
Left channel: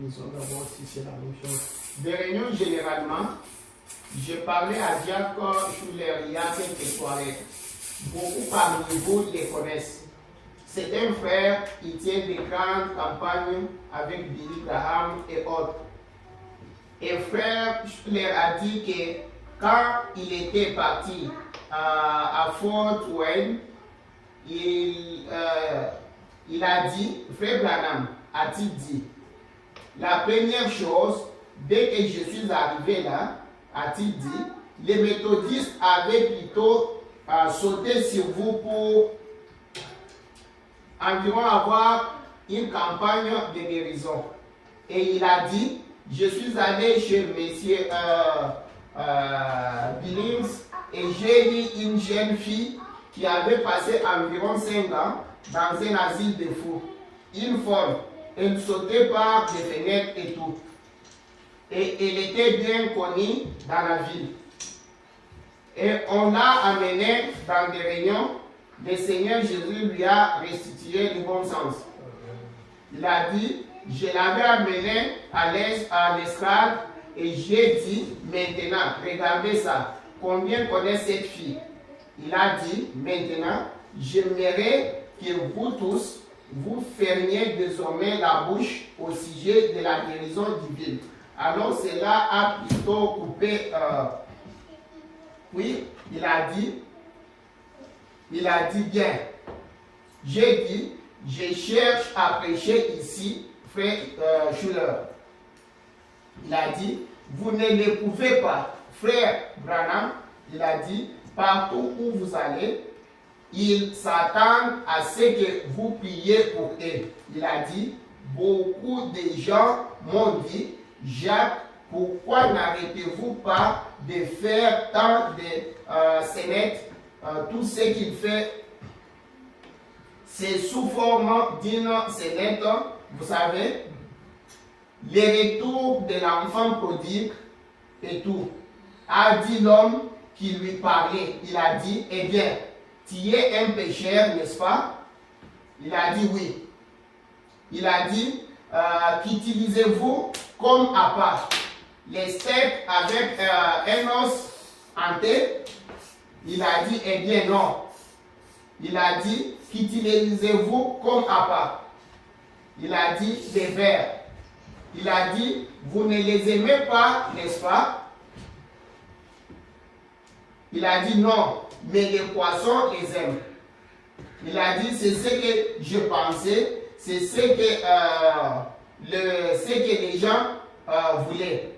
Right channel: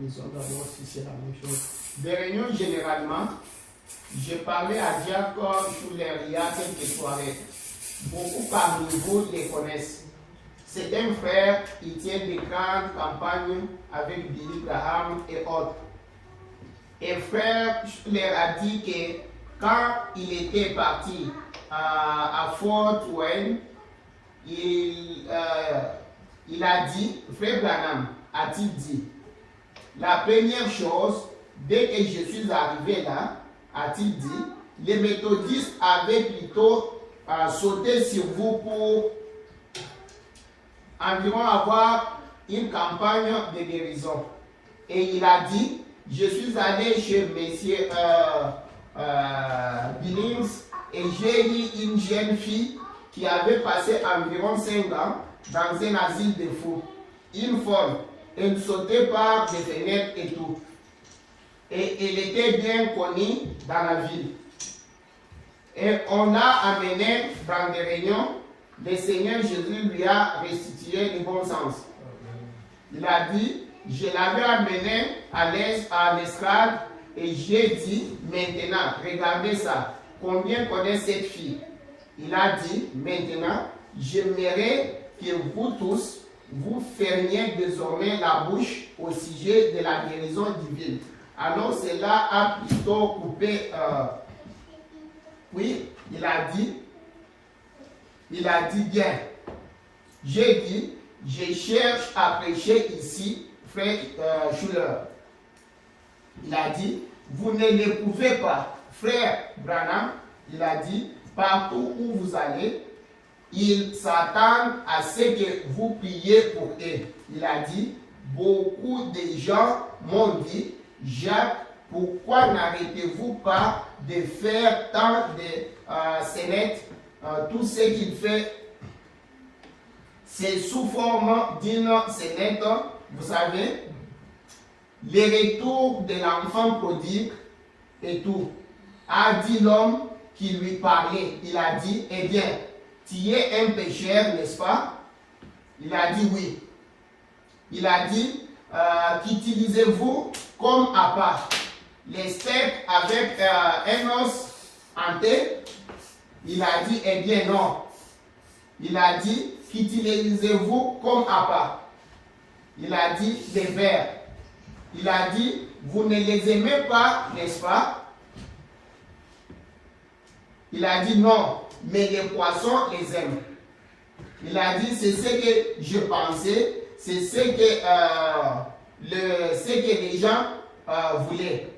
Lisons d'abord si c'est la même chose. Des réunions généralement, je parlais à Jacques Schuller il y a quelques soirées. Beaucoup parmi vous les connaissent. C'est un frère, il tient des grandes campagnes avec Billy Graham et autres. Et frère Schuller a dit que quand il était parti à Fort Wayne, il a dit, frère Branham a-t-il dit, la première chose, dès que je suis arrivé là, a-t-il dit, les méthodistes avaient plutôt sauté sur vous pour environ avoir une campagne de guérison. Et il a dit, je suis allé chez monsieur Billings et j'ai eu une jeune fille qui avait passé environ 5 ans dans un asile de fous. Une folle. Elle sautait par des fenêtres et tout. Et elle était bien connue dans la ville. Et on l'a amené dans des réunions. Le Seigneur Jésus lui a restitué le bon sens. Il a dit, je l'avais amené à l'estrade et j'ai dit, maintenant, regardez ça, combien connaît cette fille? Il a dit, maintenant, j'aimerais que vous tous, vous fermiez désormais la bouche au sujet de la guérison divine. Alors cela a plutôt coupé, oui, il a dit bien, j'ai dit, je cherche à prêcher ici, frère Schuller. Il a dit, vous ne le pouvez pas. Frère Branham, il a dit, partout où vous allez, ils s'attendent à ce que vous priez pour eux. Il a dit, beaucoup de gens m'ont dit, Jacques, pourquoi n'arrêtez-vous pas de faire tant de scénettes? Tout ce qu'il fait, c'est sous forme d'une scénette, vous savez, le retour de l'enfant prodigue et tout. A dit l'homme qui lui parlait, il a dit, eh bien, tu es un pécheur, n'est-ce pas? Il a dit oui. Il a dit, qu'utilisez-vous comme appât? Les steaks avec un os hanté? Il a dit, eh bien non. Il a dit, qu'utilisez-vous comme appât? Il a dit, les vers. Il a dit, vous ne les aimez pas, n'est-ce pas? Il a dit non, mais les poissons les aiment. Il a dit, c'est ce que je pensais, c'est ce que les gens voulaient.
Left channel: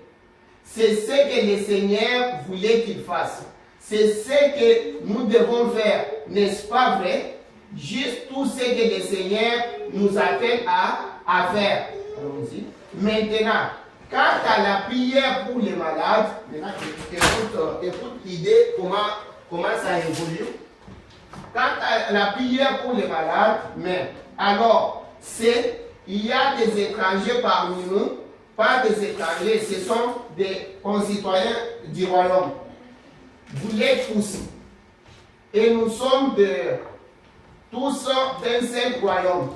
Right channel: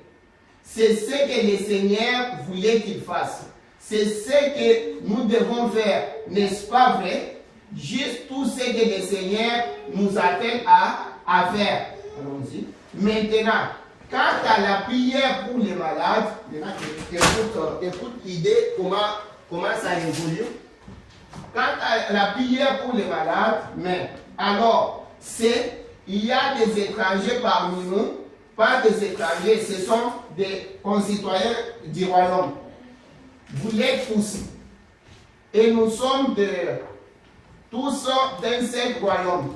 C'est ce que le Seigneur voulait qu'ils fassent. C'est ce que nous devons faire, n'est-ce pas vrai? Juste tout ce que le Seigneur nous attend à faire. Allons-y. Maintenant, quant à la prière pour les malades, écoute l'idée, comment ça évolue. Quant à la prière pour les malades, mais alors, il y a des étrangers parmi nous, pas des étrangers, ce sont des concitoyens du royaume. Vous l'êtes tous. Et nous sommes tous d'un seul royaume.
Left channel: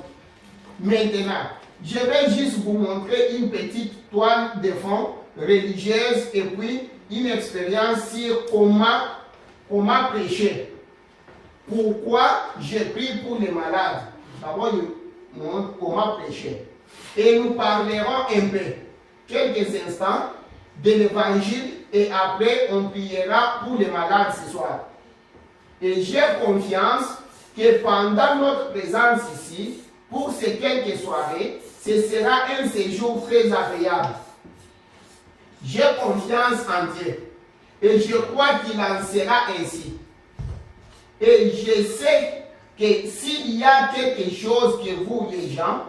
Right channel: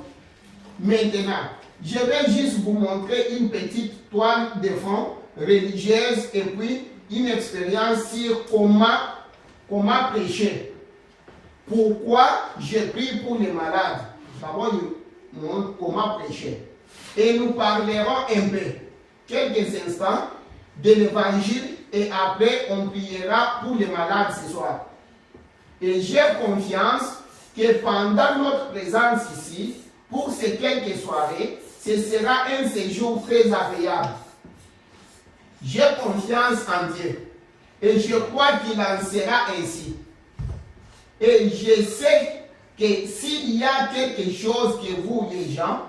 Maintenant, je vais juste vous montrer une petite toile de fond religieuse et puis une expérience sur comment prêcher. Pourquoi je prie pour les malades? D'abord, je montre comment prêcher. Et nous parlerons un peu, quelques instants, de l'évangile et après on priera pour les malades ce soir. Et j'ai confiance que pendant notre présence ici, pour ces quelques soirées, ce sera un séjour très agréable. J'ai confiance en Dieu et je crois qu'il en sera ainsi. Et je sais que s'il y a quelque chose que vous, les gens,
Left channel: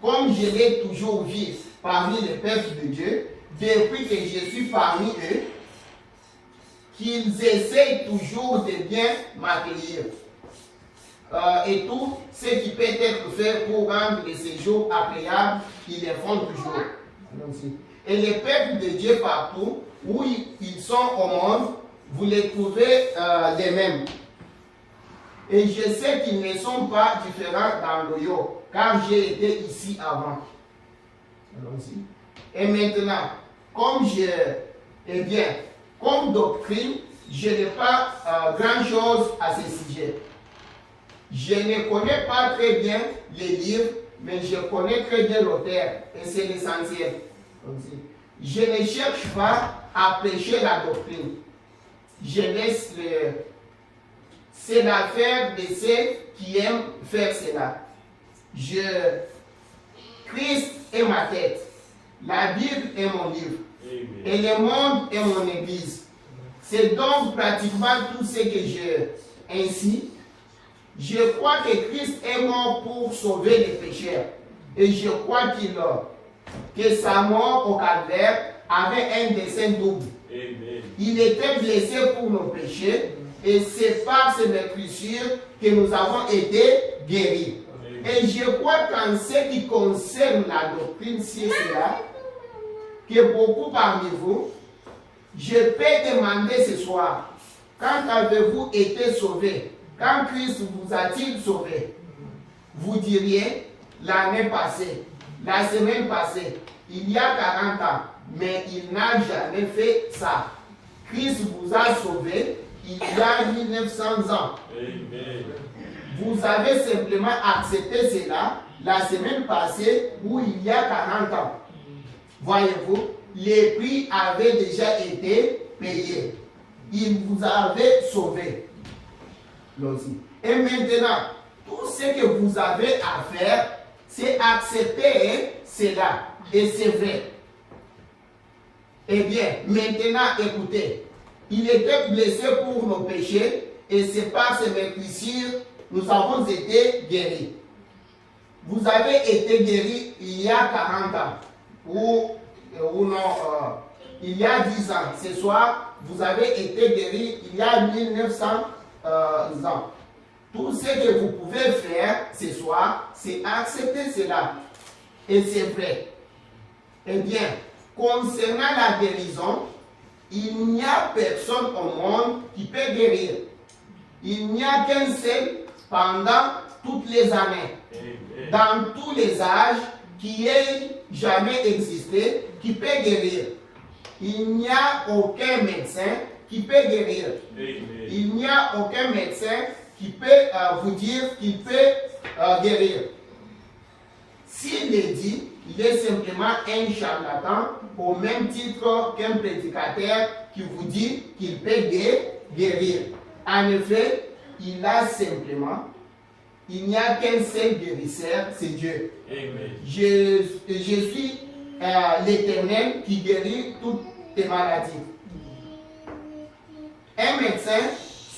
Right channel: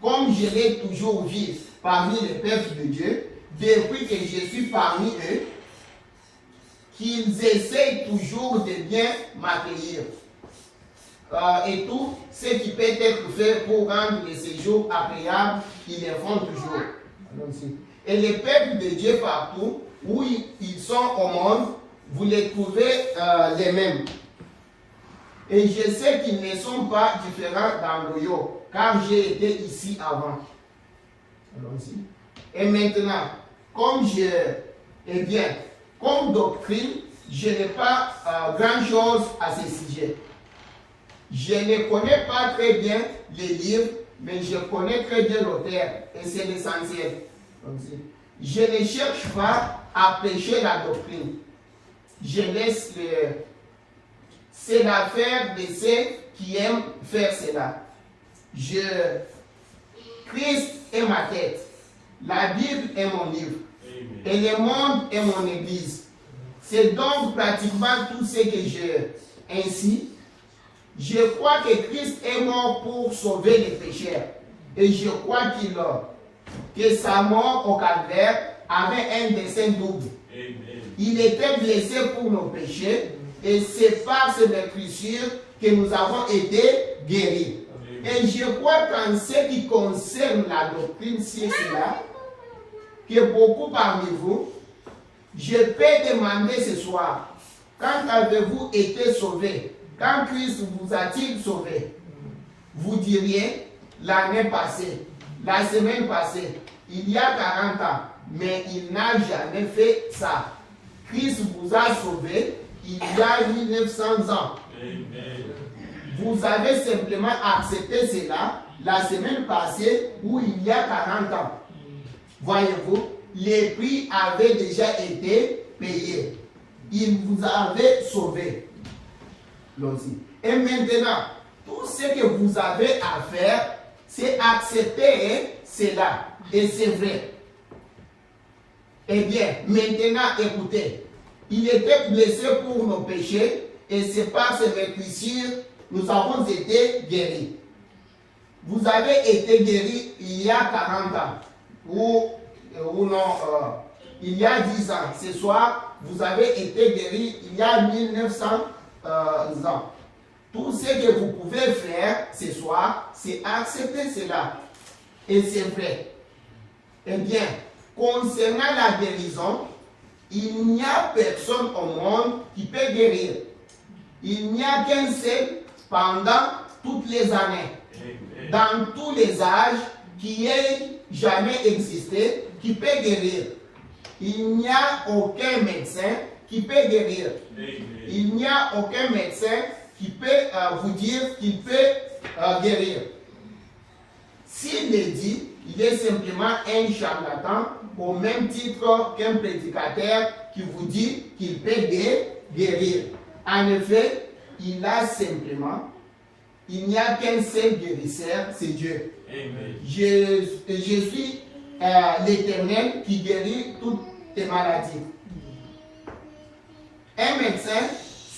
comme je l'ai toujours vu parmi les peuples de Dieu, depuis que je suis parmi eux, qu'ils essayent toujours de bien m'accueillir. Et tout ce qui peut être fait pour rendre les séjours agréables, ils le font toujours. Allons-y. Et les peuples de Dieu partout, où ils sont au monde, vous les trouvez les mêmes. Et je sais qu'ils ne sont pas différents dans le yo, car j'ai été ici avant. Allons-y. Et maintenant, comme doctrine, je n'ai pas grand-chose à ce sujet. Je ne connais pas très bien les livres, mais je connais très bien l'auteur, et c'est l'essentiel. Je ne cherche pas à prêcher la doctrine. Je laisse c'est l'affaire de ceux qui aiment faire cela. Christ est ma tête, la Bible est mon livre, et le monde est mon église. C'est donc pratiquement tout ce que j'ai. Ainsi, je crois que Christ est mort pour sauver les pécheurs. Et je crois que sa mort au calvaire avait un dessein double. Amen. Il était blessé pour nos péchés et c'est par ses blessures que nous avons été guéris. Amen. Et je crois qu'en ce qui concerne la doctrine, c'est cela, que beaucoup parmi vous, je peux demander ce soir, quand avez-vous été sauvé? Quand Christ vous a-t-il sauvé? Vous diriez l'année passée, la semaine passée, il y a 40 ans, mais il n'a jamais fait ça. Christ vous a sauvé il y a 1900 ans. Amen. Vous avez simplement accepté cela la semaine passée ou il y a 40 ans. Voyez-vous, les prix avaient déjà été payés. Il vous avait sauvé. Et maintenant, tout ce que vous avez à faire, c'est accepter cela. Et c'est vrai. Eh bien, maintenant, écoutez. Il était blessé pour nos péchés et c'est par ses meurtrissures nous avons été guéris. Vous avez été guéris il y a 40 ans ou non, il y a 10 ans. Ce soir, vous avez été guéris il y a 1900 ans. Tout ce que vous pouvez faire ce soir, c'est accepter cela. Et c'est vrai. Eh bien, concernant la guérison, il n'y a personne au monde qui peut guérir. Il n'y a qu'un seul pendant toutes les années, dans tous les âges, qui ait jamais existé, qui peut guérir. Il n'y a aucun médecin qui peut guérir. Il n'y a aucun médecin qui peut vous dire qu'il peut guérir. S'il le dit, il est simplement un charlatan au même titre qu'un prédicateur qui vous dit qu'il peut guérir. En effet, il n'y a qu'un seul guérisseur, c'est Dieu. Amen. Je suis l'Éternel qui guérit toutes tes maladies. Un médecin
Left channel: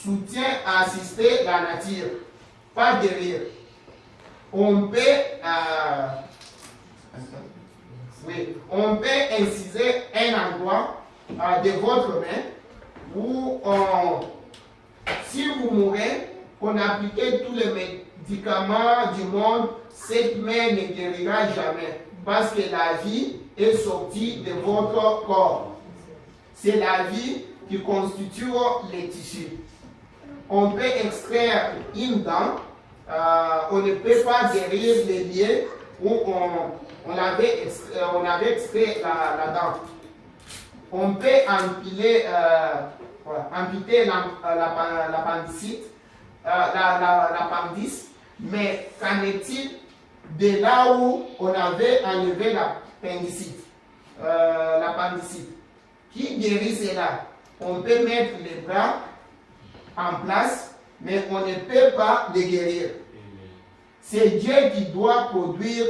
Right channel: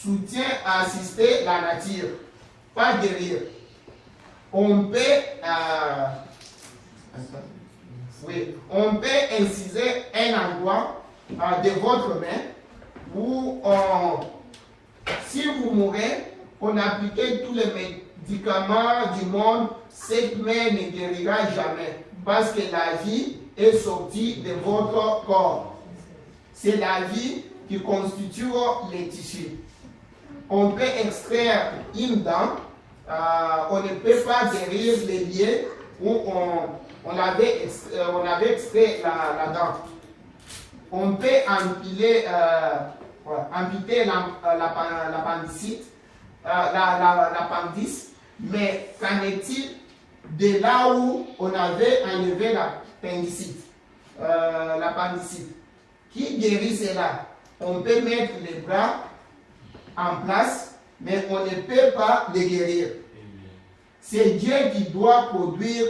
soutient à assister la nature, pas guérir. On peut inciser un endroit de votre main où, si vous mourrez, on applique tous les médicaments du monde, cette main ne guérira jamais parce que la vie est sortie de votre corps. C'est la vie qui constitue les tissus. On peut extraire une dent, on ne peut pas guérir les lieux où on avait extrait la dent. On peut amputer l'appendice, mais qu'en est-il de là où on avait enlevé l'appendicite? Qui guérit cela? On peut mettre les bras en place, mais on ne peut pas les guérir. C'est Dieu qui doit produire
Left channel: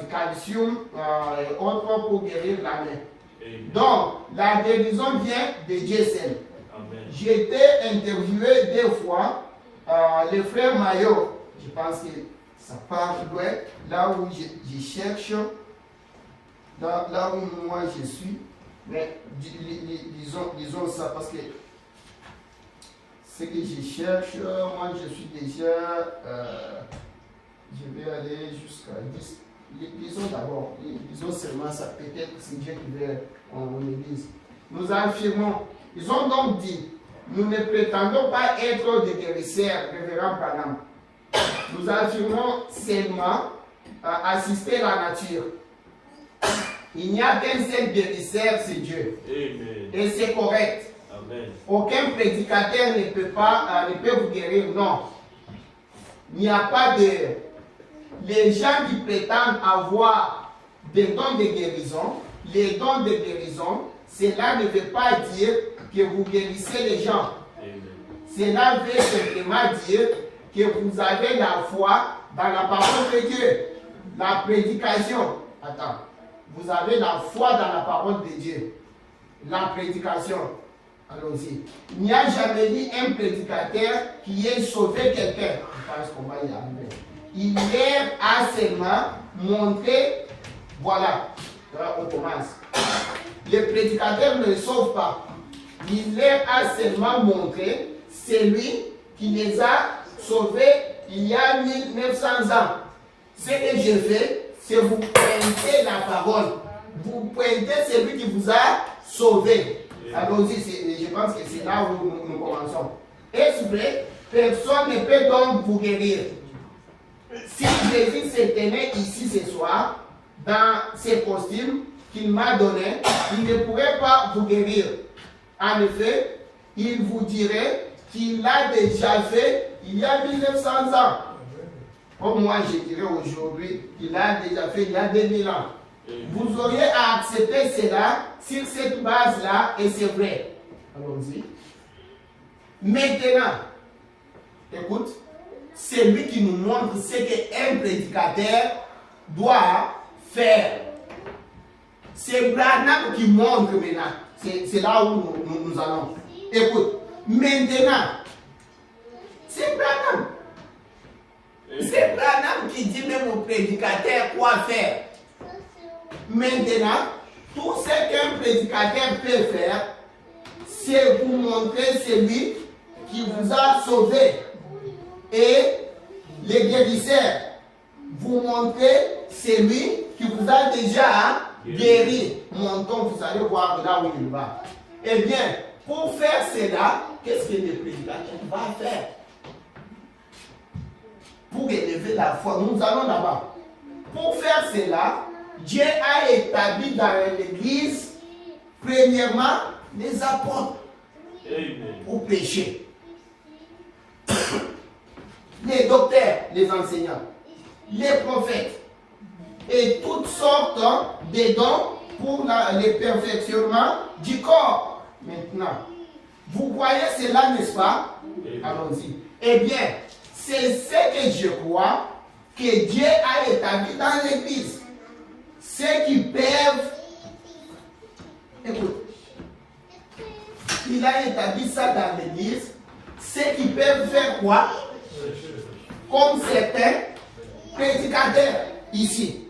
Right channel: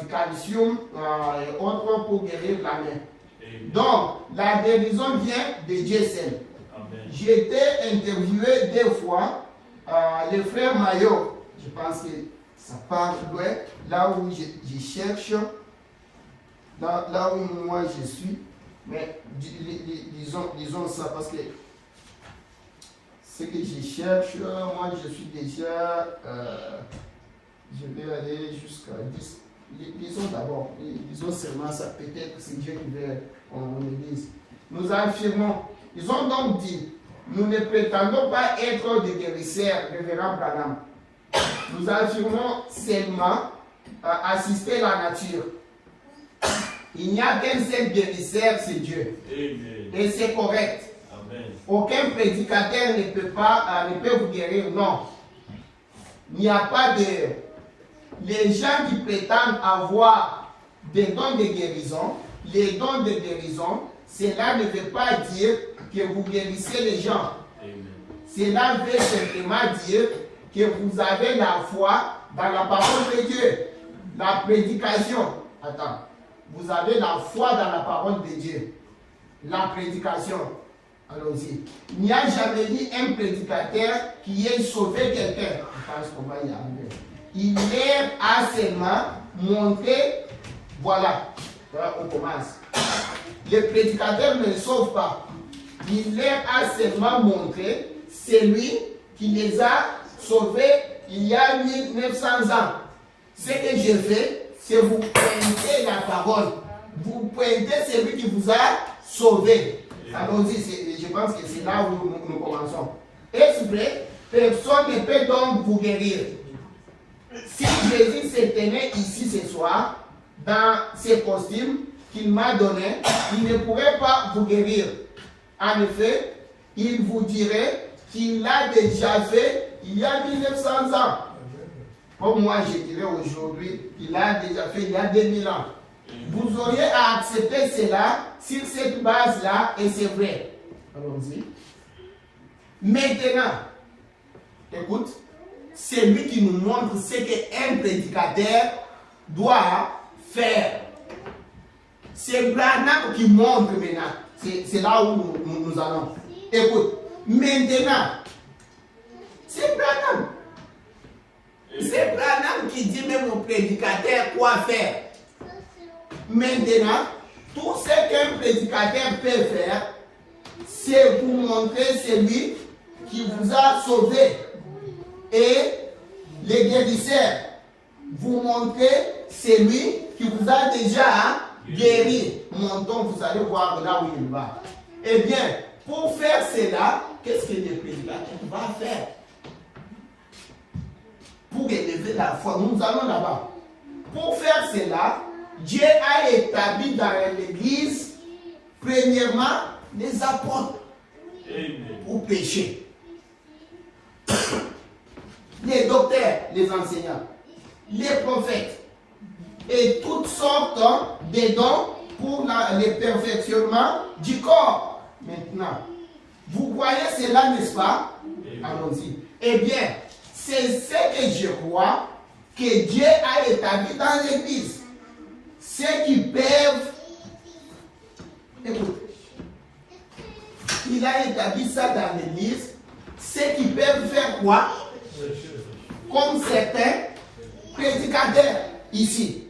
du calcium et autres pour guérir la main. Donc, la guérison vient de Dieu seul. J'ai été interviewé deux fois, le frère Maillot, je pense que ça part loin, là où je cherche, là où moi je suis, mais disons ça parce que ce que je cherche, moi je suis déjà, je vais aller jusqu'à 10. Disons d'abord, disons seulement ça, peut-être c'est Dieu qui veut en église. Nous affirmons, ils ont donc dit, nous ne prétendons pas être des guérisseurs, révérend Branham. Nous affirmons seulement assister la nature. Il n'y a qu'un seul guérisseur, c'est Dieu. Amen. Et c'est correct. Amen. Aucun prédicateur ne peut vous guérir, non. Il n'y a pas de... Les gens qui prétendent avoir des dons de guérison, les dons de guérison, cela ne veut pas dire que vous guérissez les gens. Cela veut simplement dire que vous avez la foi dans la parole de Dieu. La prédication. Attends. Vous avez la foi dans la parole de Dieu. La prédication. Allons-y. Il n'y a jamais eu un prédicateur qui ait sauvé quelqu'un. Je pense qu'on va y arriver. Il a seulement montré, voilà, là on commence. Les prédicateurs ne sauvent pas. Il leur a seulement montré celui qui les a sauvés il y a 1900 ans. Ce que je fais, c'est vous pointer la parole. Vous pointez celui qui vous a sauvé. Allons-y, je pense que c'est là où nous commençons. Est-ce vrai? Personne ne peut donc vous guérir. Si Jésus se tenait ici ce soir, dans ces costumes qu'il m'a donnés, il ne pourrait pas vous guérir. En effet, il vous dirait qu'il l'a déjà fait il y a 1900 ans. Pour moi, je dirais aujourd'hui qu'il l'a déjà fait il y a 2000 ans. Vous auriez à accepter cela sur cette base-là, et c'est vrai. Allons-y. Maintenant, écoute, c'est lui qui nous montre ce qu'un prédicateur doit faire. C'est Branham qui montre maintenant. C'est là où nous allons. Écoute, maintenant, c'est Branham. C'est Branham qui dit même au prédicateur quoi faire. Maintenant, tout ce qu'un prédicateur peut faire, c'est vous montrer celui qui vous a sauvé. Et les guérisseurs, vous montrer celui qui vous a déjà guéri. Montons, vous allez voir là où il va. Eh bien, pour faire cela, qu'est-ce que le prédicateur va faire? Pour élever la foi, nous allons là-bas. Pour faire cela, Dieu a établi dans l'Église, premièrement, les apôtres pour pécher. Les docteurs, les enseignants, les prophètes et toutes sortes de dons pour le perfectionnement du corps. Maintenant, vous voyez cela, n'est-ce pas? Allons-y. Eh bien, c'est ce que je crois que Dieu a établi dans l'Église. Ceux qui peuvent, écoute, il a établi ça dans l'Église, ceux qui peuvent faire quoi? Comme certains prédicateurs ici,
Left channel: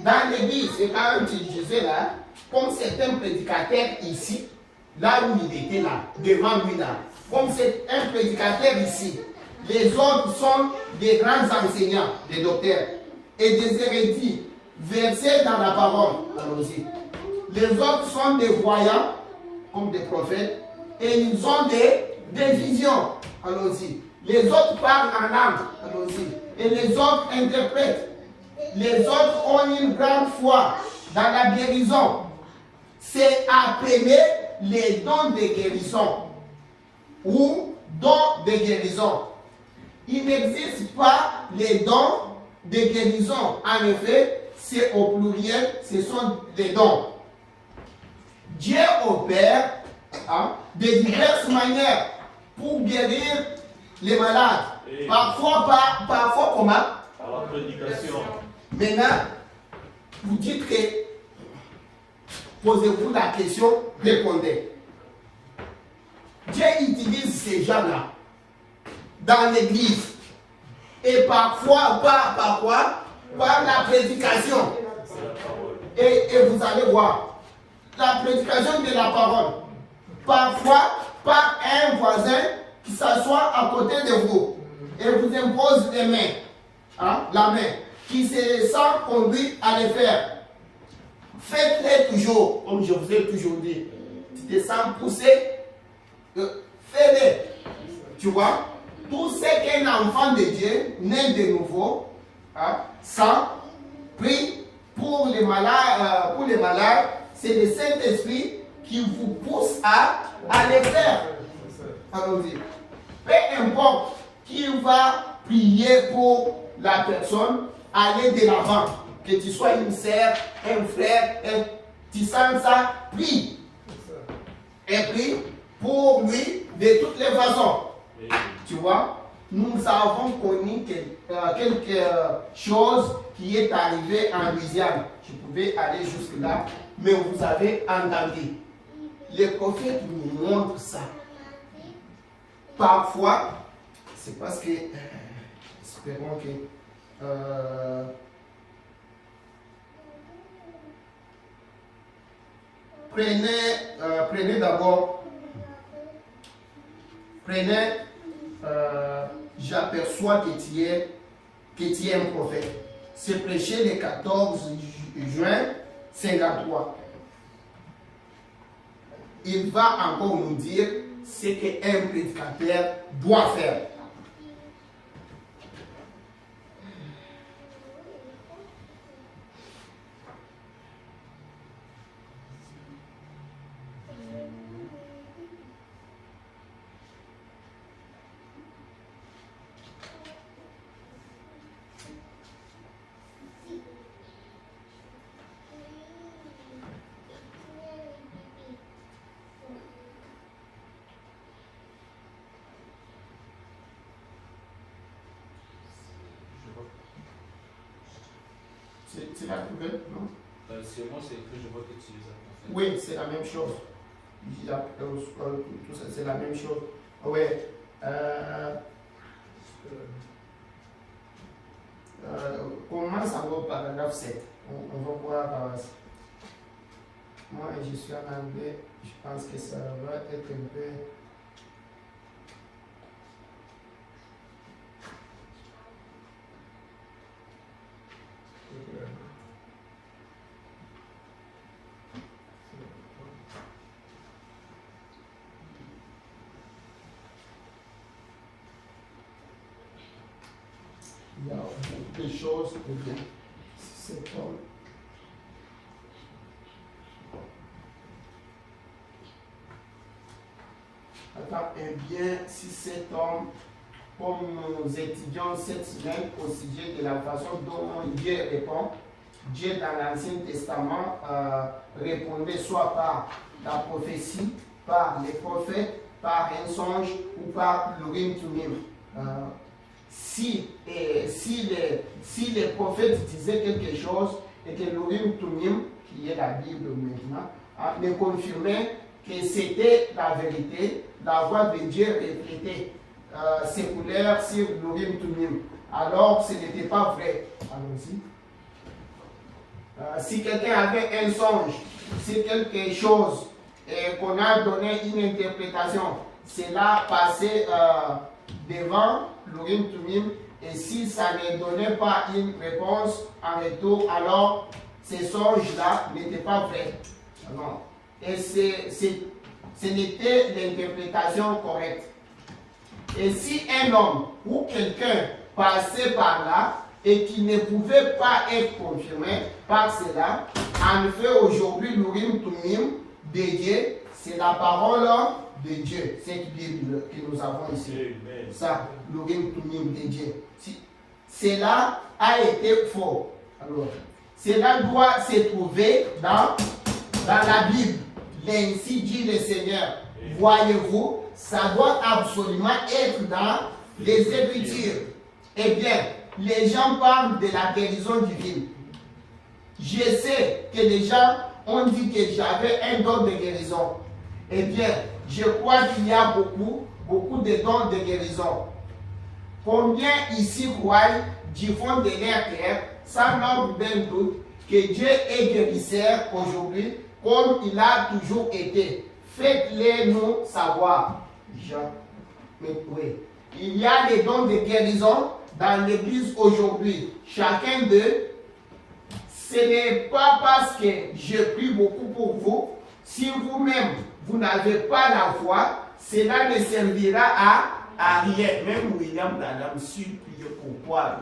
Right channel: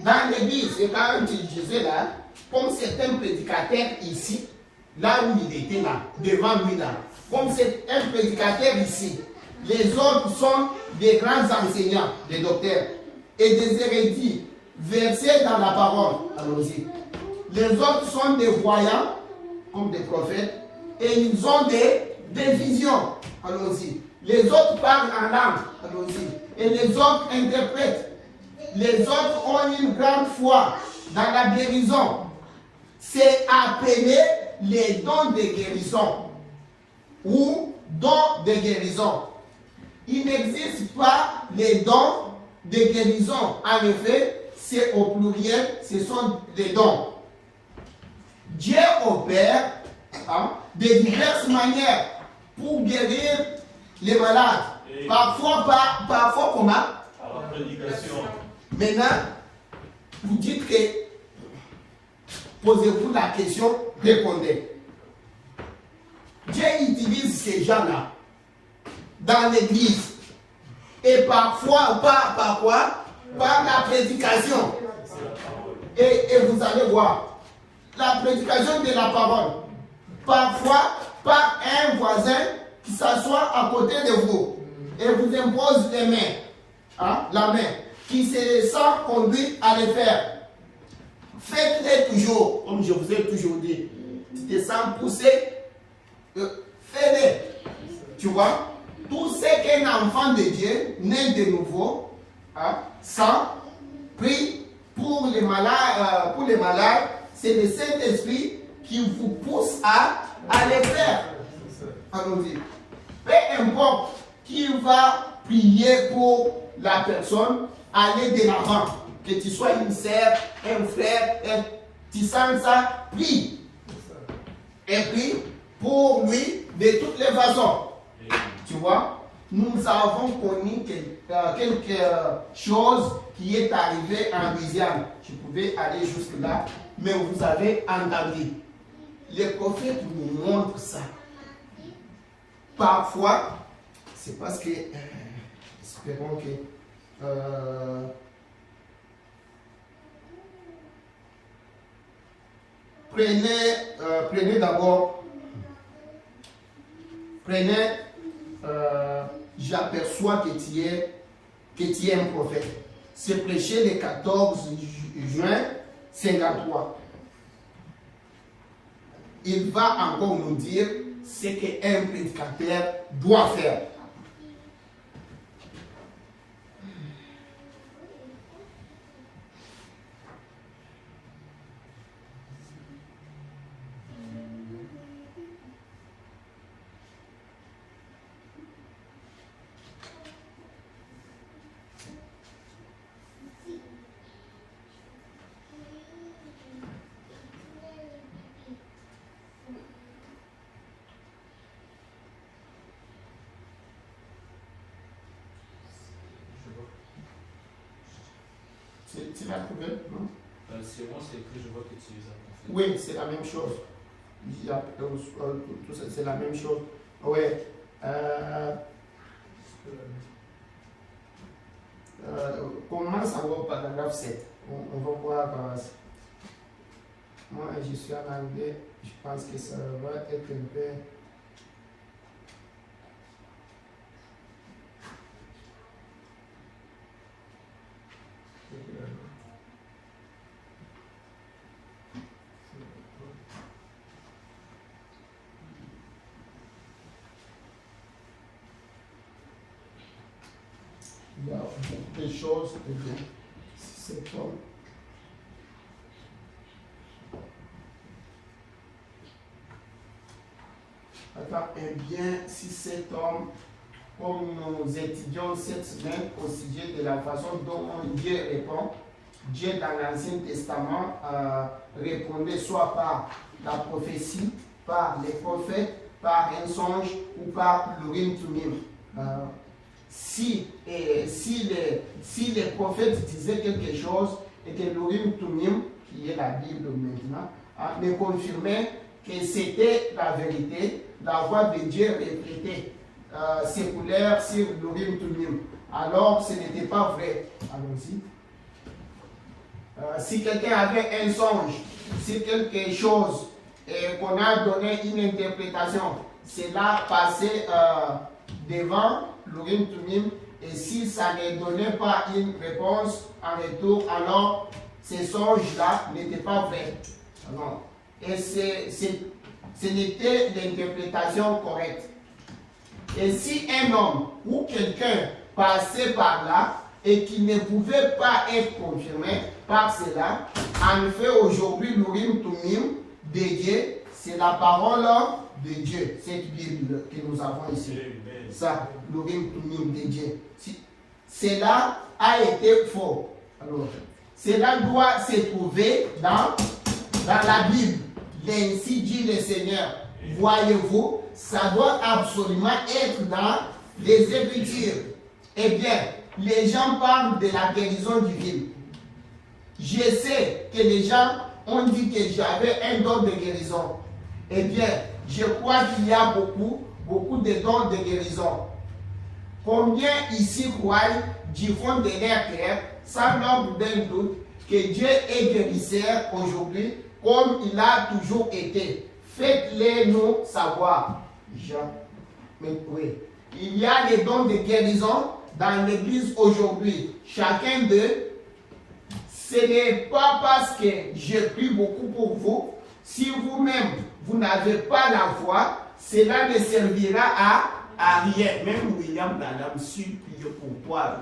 dans l'Église, et quand je disais là, comme certains prédicateurs ici, là où il était là, devant lui là, comme c'est un prédicateur ici, les autres sont des grands enseignants, des docteurs, et des érudits versés dans la parole. Allons-y. Les autres sont des voyants, comme des prophètes, et ils ont des visions. Allons-y. Les autres parlent en langue. Allons-y. Et les autres interprètent. Les autres ont une grande foi dans la guérison. C'est appelé les dons de guérison ou dons de guérison. Il n'existe pas les dons de guérison. En effet, c'est au pluriel, ce sont des dons. Dieu opère de diverses manières pour guérir les malades. Parfois comment? Par la prédication. Maintenant, vous dites que posez-vous la question, répondez. Dieu utilise ces gens-là dans l'église. Et parfois, par quoi? Par la prédication. Et vous allez voir, la prédication de la parole. Parfois, par un voisin qui s'assoit à côté de vous et vous impose les mains, la main, qui se sent conduit à le faire. Faites-les toujours, comme je vous ai toujours dit. Tu te sens poussé, fais-les. Tu vois, tout ce qu'un enfant de Dieu, né de nouveau, sans prie pour les malades, c'est le Saint-Esprit qui vous pousse à les faire. Allons-y. Peu importe qui va prier pour la personne, allez de l'avant. Que tu sois une sœur, un frère, tu sens ça, prie. Et prie pour lui de toutes les façons. Tu vois, nous avons connu quelque chose qui est arrivé en Louisiane. Je pouvais aller jusque-là, mais vous avez entendu. Les prophètes nous montrent ça. Parfois, c'est parce que, espérons que, prenez d'abord, j'aperçois que tu es un prophète. C'est prêché le 14 juin 53. il va encore nous dire ce qu'un prédicateur doit faire. Tu l'as trouvé, non? C'est moi, c'est écrit, je vois que tu les as. Oui, c'est la même chose. Il y a, tout ça, c'est la même chose. Oui. Commence au paragraphe 7. On va voir. Moi, je suis en anglais. Je pense que ça va être un peu. Il y a beaucoup de choses. C'est pas. Attends, eh bien, si cet homme, comme nous étudions cette semaine au sujet de la façon dont Dieu répond, Dieu dans l'Ancien Testament répondait soit par la prophétie, par les prophètes, par un songe ou par l'Urim Tumim. Si les prophètes disaient quelque chose et que l'Urim Tumim, qui est la Bible maintenant, ne confirmait que c'était la vérité, la voix de Dieu répétée, séculaire sur l'Urim Tumim. Alors ce n'était pas vrai. Allons-y. Si quelqu'un avait un songe, si quelque chose et qu'on a donné une interprétation, cela passait devant l'Urim Tumim, et si ça ne donnait pas une réponse en retour, alors ces songes-là n'étaient pas vrais. Non. Et ce n'était l'interprétation correcte. Et si un homme ou quelqu'un passait par là et qui ne pouvait pas être confirmé par cela, en effet, aujourd'hui, l'Urim Tumim de Dieu, c'est la parole de Dieu, cette Bible que nous avons ici. Ça, l'Urim Tumim de Dieu. Cela a été faux. Alors, cela doit se trouver dans la Bible. Ainsi dit le Seigneur. Voyez-vous, ça doit absolument être dans les Écritures. Eh bien, les gens parlent de la guérison divine. Je sais que les gens ont dit que j'avais un don de guérison. Eh bien, je crois qu'il y a beaucoup de dons de guérison. Combien ici croient du fond de leur cœur, sans l'ombre d'un doute, que Dieu est guérisseur aujourd'hui, comme il a toujours été. Faites-les nous savoir. Jean. Mais oui. Il y a des dons de guérison dans l'église aujourd'hui. Chacun d'eux, ce n'est pas parce que je prie beaucoup pour vous. Si vous-même, vous n'avez pas la foi, cela ne servira à rien. Même William Branham, si priait pour toi,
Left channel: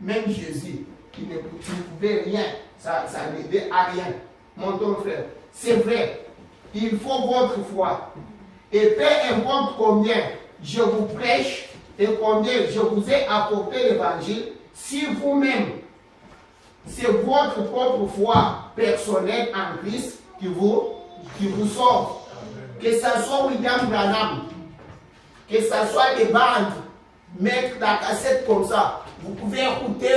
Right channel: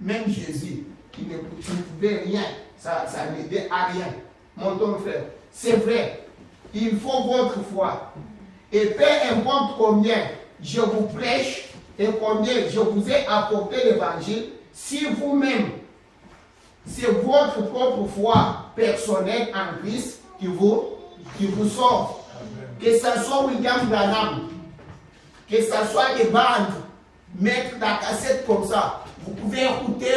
même Jésus, qui ne pouvait rien, ça n'aidait à rien. Mon ton frère, c'est vrai, il faut votre foi. Et peu importe combien je vous prêche et combien je vous ai apporté l'évangile, si vous-même, c'est votre propre foi personnelle en Christ qui vous sauve. Que ce soit William Branham, que ce soit les bandes, mettre la cassette comme ça. Vous pouvez écouter.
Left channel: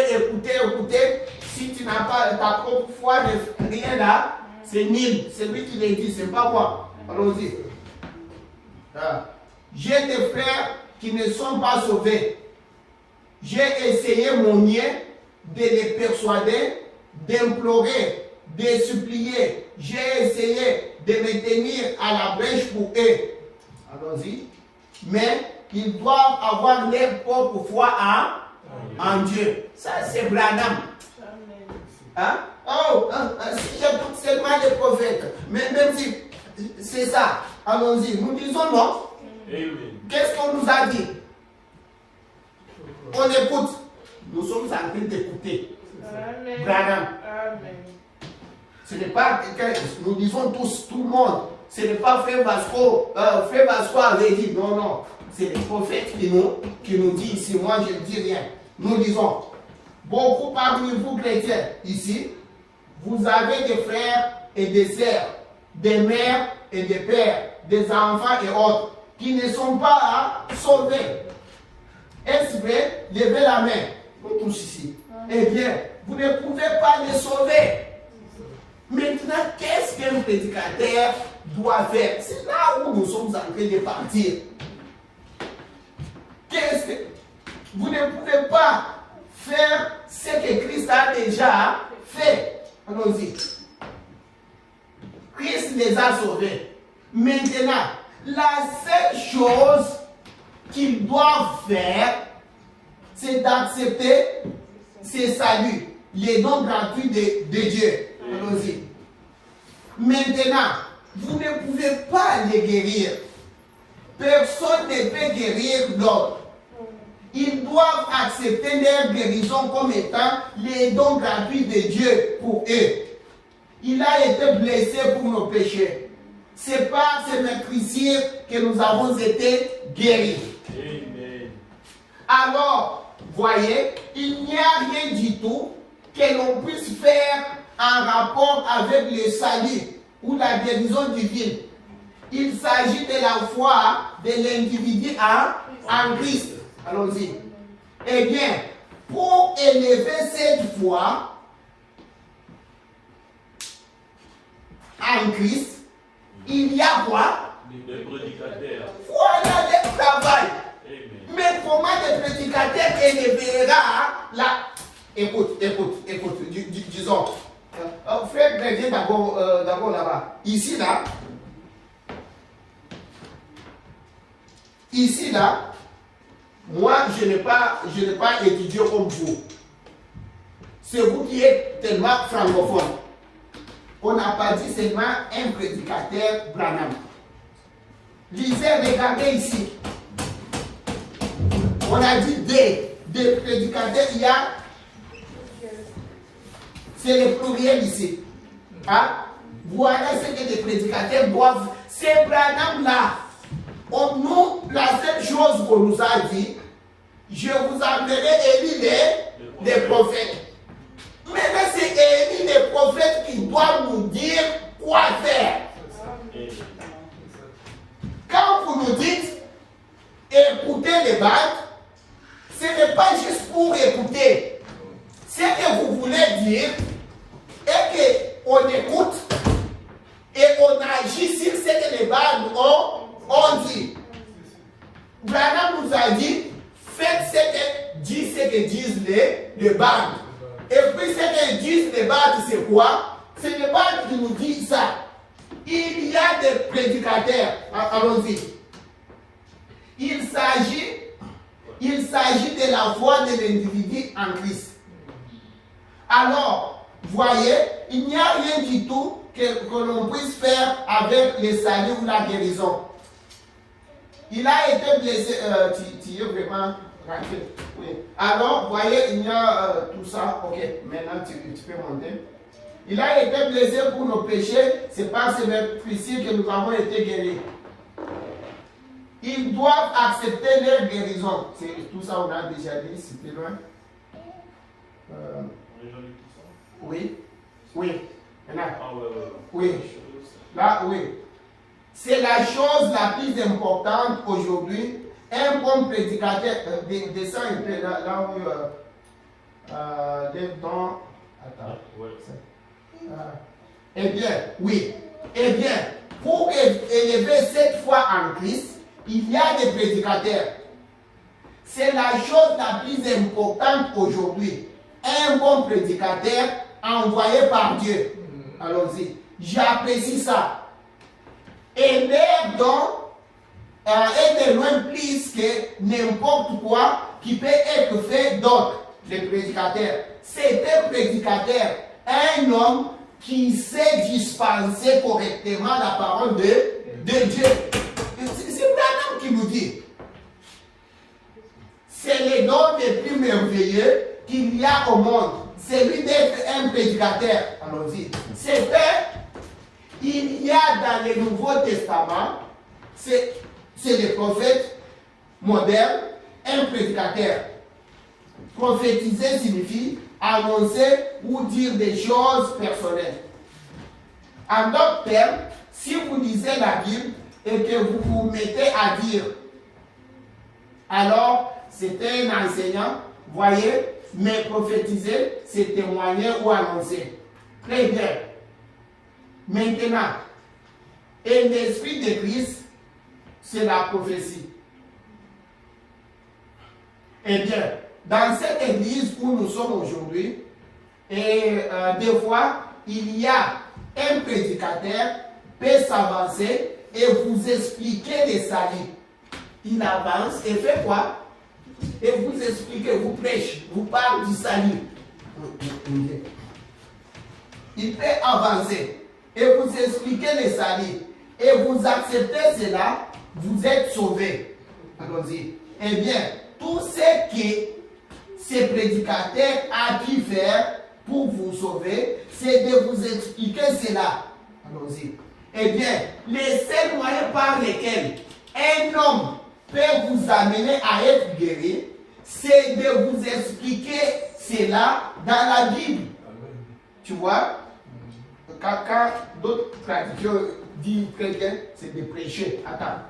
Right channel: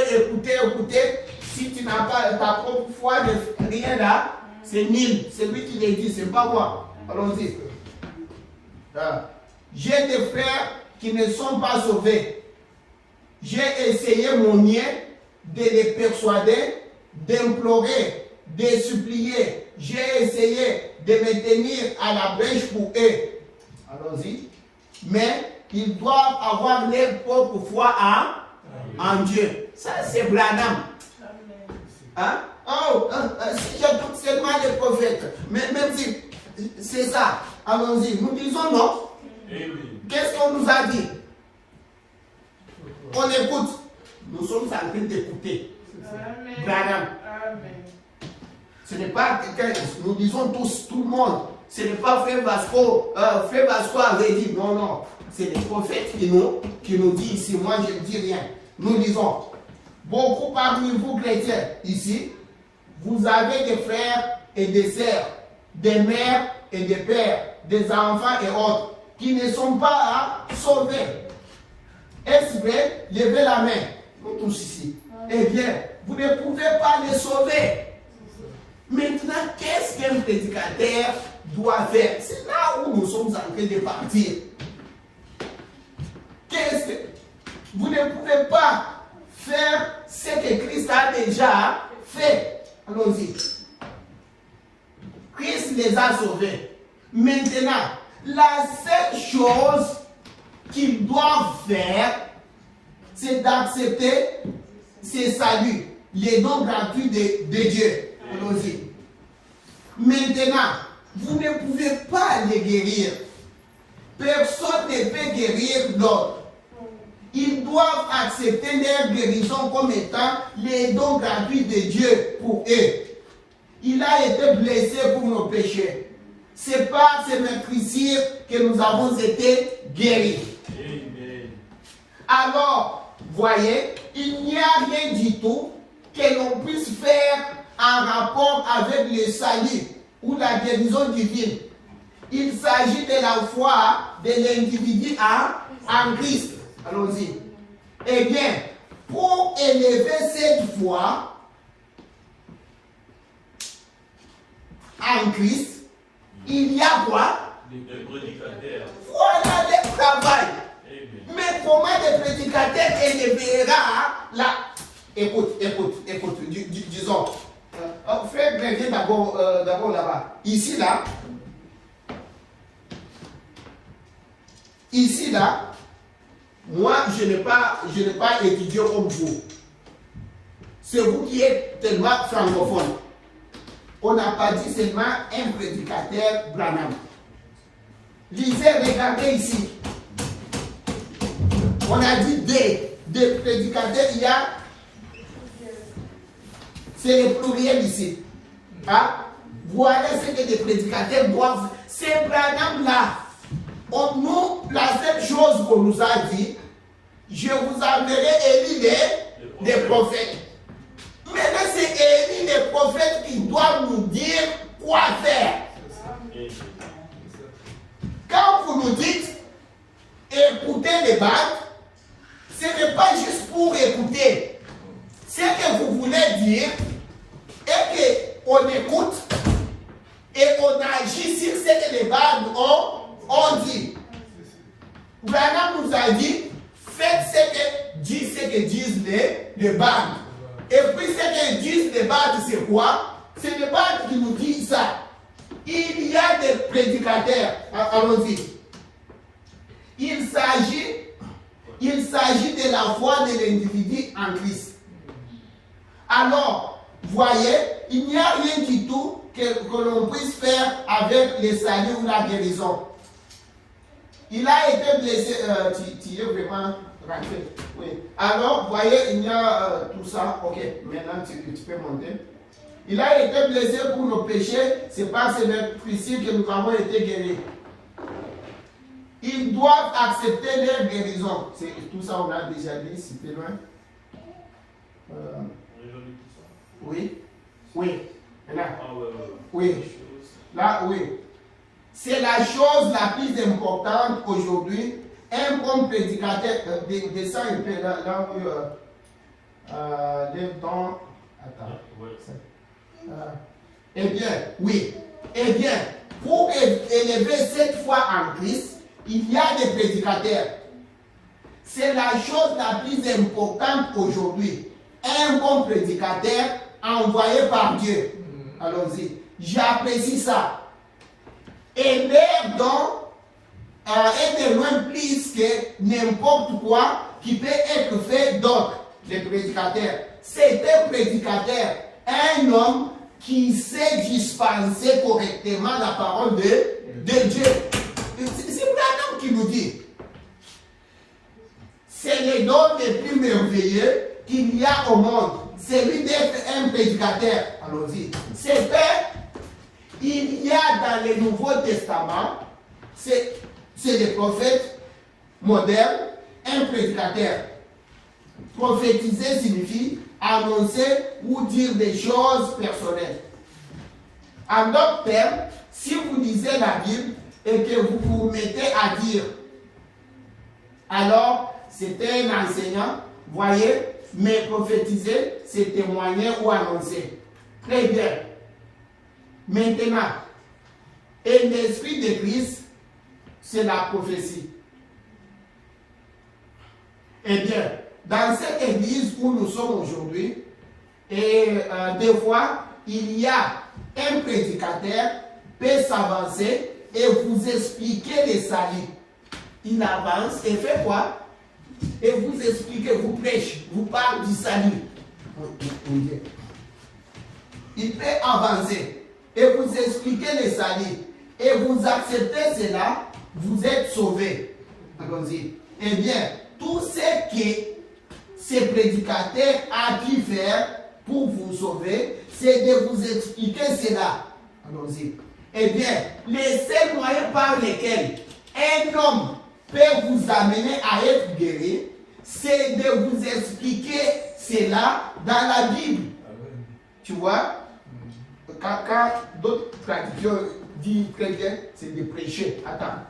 Si tu n'as pas ta propre foi, rien là, c'est nul. C'est lui qui l'a dit, c'est pas moi. Allons-y. J'ai des frères qui ne sont pas sauvés. J'ai essayé mon mieux de les persuader, d'implorer, de supplier. J'ai essayé de me tenir à la brèche pour eux. Allons-y. Mais ils doivent avoir leur propre foi en Dieu. Ça, c'est Branham. Hein? Si j'écoute seulement les prophètes, même si C'est ça. Allons-y. Nous disons non. Amen. Qu'est-ce qu'on nous a dit? On écoute. Nous sommes en train d'écouter. Branham. Ce n'est pas quelqu'un, nous disons tous, tout le monde. Ce n'est pas Frère Vasco avait dit, non, non. C'est les prophètes qui nous disent ici. Moi, je ne dis rien. Nous disons, beaucoup parmi vous chrétiens, ici, vous avez des frères et des sœurs, des mères et des pères, des enfants et autres, qui ne sont pas sauvés. Est-ce vrai? Levez la main. Nous tous ici. Eh bien, vous ne pouvez pas les sauver. Maintenant, qu'est-ce qu'un prédicateur doit faire? C'est là où nous sommes en train de partir. Qu'est-ce que... Vous ne pouvez pas faire ce que Christ a déjà fait. Allons-y. Christ les a sauvés. Maintenant, la seule chose qu'ils doivent faire, c'est d'accepter ce salut, les dons gratuits de Dieu. Allons-y. Maintenant, vous ne pouvez pas les guérir. Personne ne peut guérir l'autre. Ils doivent accepter leur guérison comme étant les dons gratuits de Dieu pour eux. Il a été blessé pour nos péchés. C'est par ses meurtrissures que nous avons été guéris. Amen. Alors, voyez, il n'y a rien du tout que l'on puisse faire en rapport avec le salut ou la guérison divine. Il s'agit de la foi de l'individu en Christ. Allons-y. Eh bien, pour élever cette foi en Christ, il y a quoi? Les prédicateurs. Voilà le travail. Amen. Mais comment le prédicateur élèvera la... Écoute, disons. Frère, viens d'abord là-bas. Ici, là. Ici, là. Moi, je n'ai pas étudié comme vous. C'est vous qui êtes tellement francophone. On n'a pas dit seulement un prédicateur Branham. Lisez, regardez ici. On a dit des prédicateurs, il y a. C'est le pluriel ici. Hein? Voilà ce que les prédicateurs doivent. C'est Branham là. La seule chose qu'on nous a dit, je vous enverrai Élie les prophètes. Mais là, c'est Élie les prophètes qui doivent nous dire quoi faire. Quand vous nous dites écoutez les bandes, ce n'est pas juste pour écouter. Ce que vous voulez dire est qu'on écoute et on agit sur ce que les bandes ont dit. Branham nous a dit faites ce que disent les bandes. Et puis ce que disent les bandes, c'est quoi? C'est les bandes qui nous disent ça. Il y a des prédicateurs. Allons-y. Il s'agit de la foi de l'individu en Christ. Alors, voyez, il n'y a rien du tout que l'on puisse faire avec le salut ou la guérison. Il a été blessé, tu es vraiment rentré. Oui. Alors, voyez, il y a tout ça. Ok, maintenant tu peux monter. Il a été blessé pour nos péchés, c'est par ces meurtrissures que nous avons été guéris. Ils doivent accepter leur guérison. C'est tout ça, on a déjà dit, c'était loin. Oui. Oui. Là. Oui. Là, oui. C'est la chose la plus importante aujourd'hui. Un bon prédicateur, descend un peu là où lève dans. Attends. Eh bien, oui. Eh bien, pour élever cette foi en Christ, il y a des prédicateurs. C'est la chose la plus importante aujourd'hui. Un bon prédicateur envoyé par Dieu. Allons-y. J'apprécie ça. Et leur don est de loin plus que n'importe quoi qui peut être fait d'autre. Les prédicateurs. C'est un prédicateur, un homme qui sait dispenser correctement la parole de Dieu. C'est Branham qui nous dit. C'est le don le plus merveilleux qu'il y a au monde. C'est lui d'être un prédicateur. Allons-y. C'est que il y a dans le Nouveau Testament, c'est des prophètes modernes, un prédicateur. Prophétiser signifie annoncer ou dire des choses personnelles. En d'autres termes, si vous lisez la Bible et que vous vous mettez à dire, alors c'était un enseignant, voyez, mais prophétiser, c'est témoigner ou annoncer. Très bien. Maintenant, et l'esprit de Christ, c'est la prophétie. Eh bien, dans cette église où nous sommes aujourd'hui, et des fois, il y a un prédicateur peut s'avancer et vous expliquer les saluts. Il avance et fait quoi? Et vous explique, vous prêche, vous parle du salut. Il peut avancer et vous expliquer le salut. Et vous acceptez cela, vous êtes sauvés. Allons-y. Eh bien, tout ce que ce prédicateur a pu faire pour vous sauver, c'est de vous expliquer cela. Allons-y. Eh bien, les seuls moyens par lesquels un homme peut vous amener à être guéri, c'est de vous expliquer cela dans la Bible. Tu vois, quand d'autres traditions disent chrétien, c'est de prêcher. Attends.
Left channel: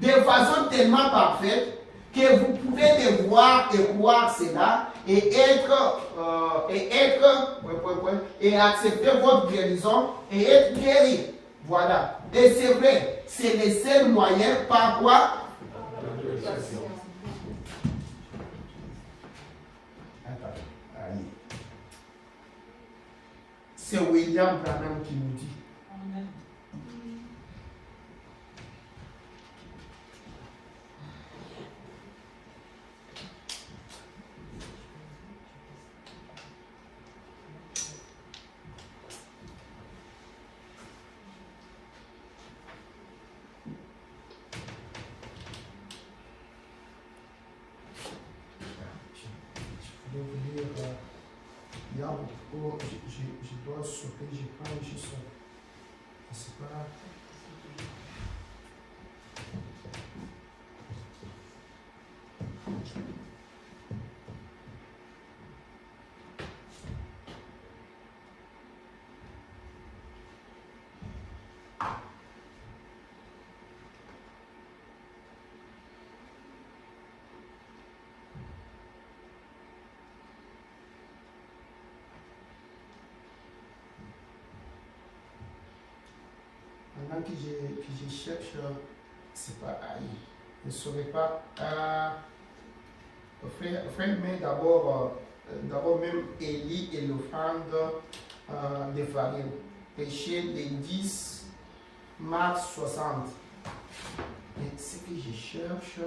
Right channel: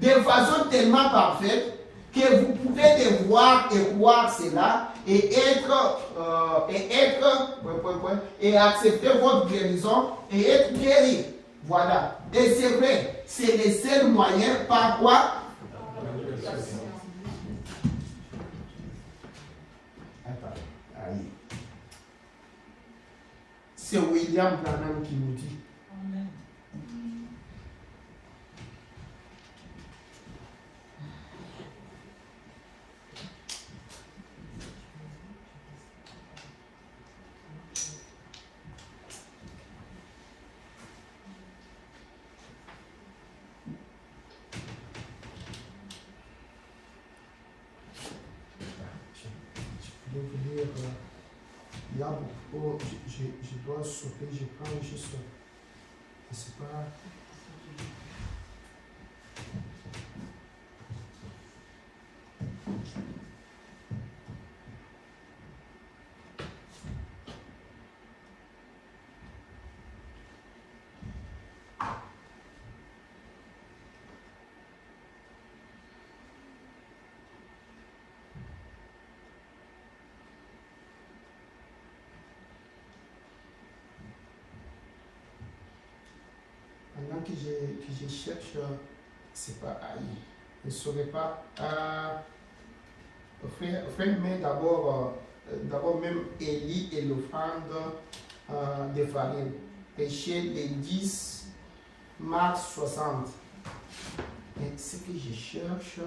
De façon tellement parfaite que vous pouvez les voir et voir cela et et accepter votre guérison et être guéri. Voilà. Et c'est vrai, c'est le seul moyen par quoi. C'est William Branham qui nous dit. Amen. Je vais vous lire. Il y a beaucoup. Je dois sauter, je prends juste. C'est pas. Pendant que je cherche, c'est pas aïe. Je ne saurais pas. Frère, mais d'abord même Élie et l'offrande de farine. Péché le 10 mars 60. Mais ce que je cherche.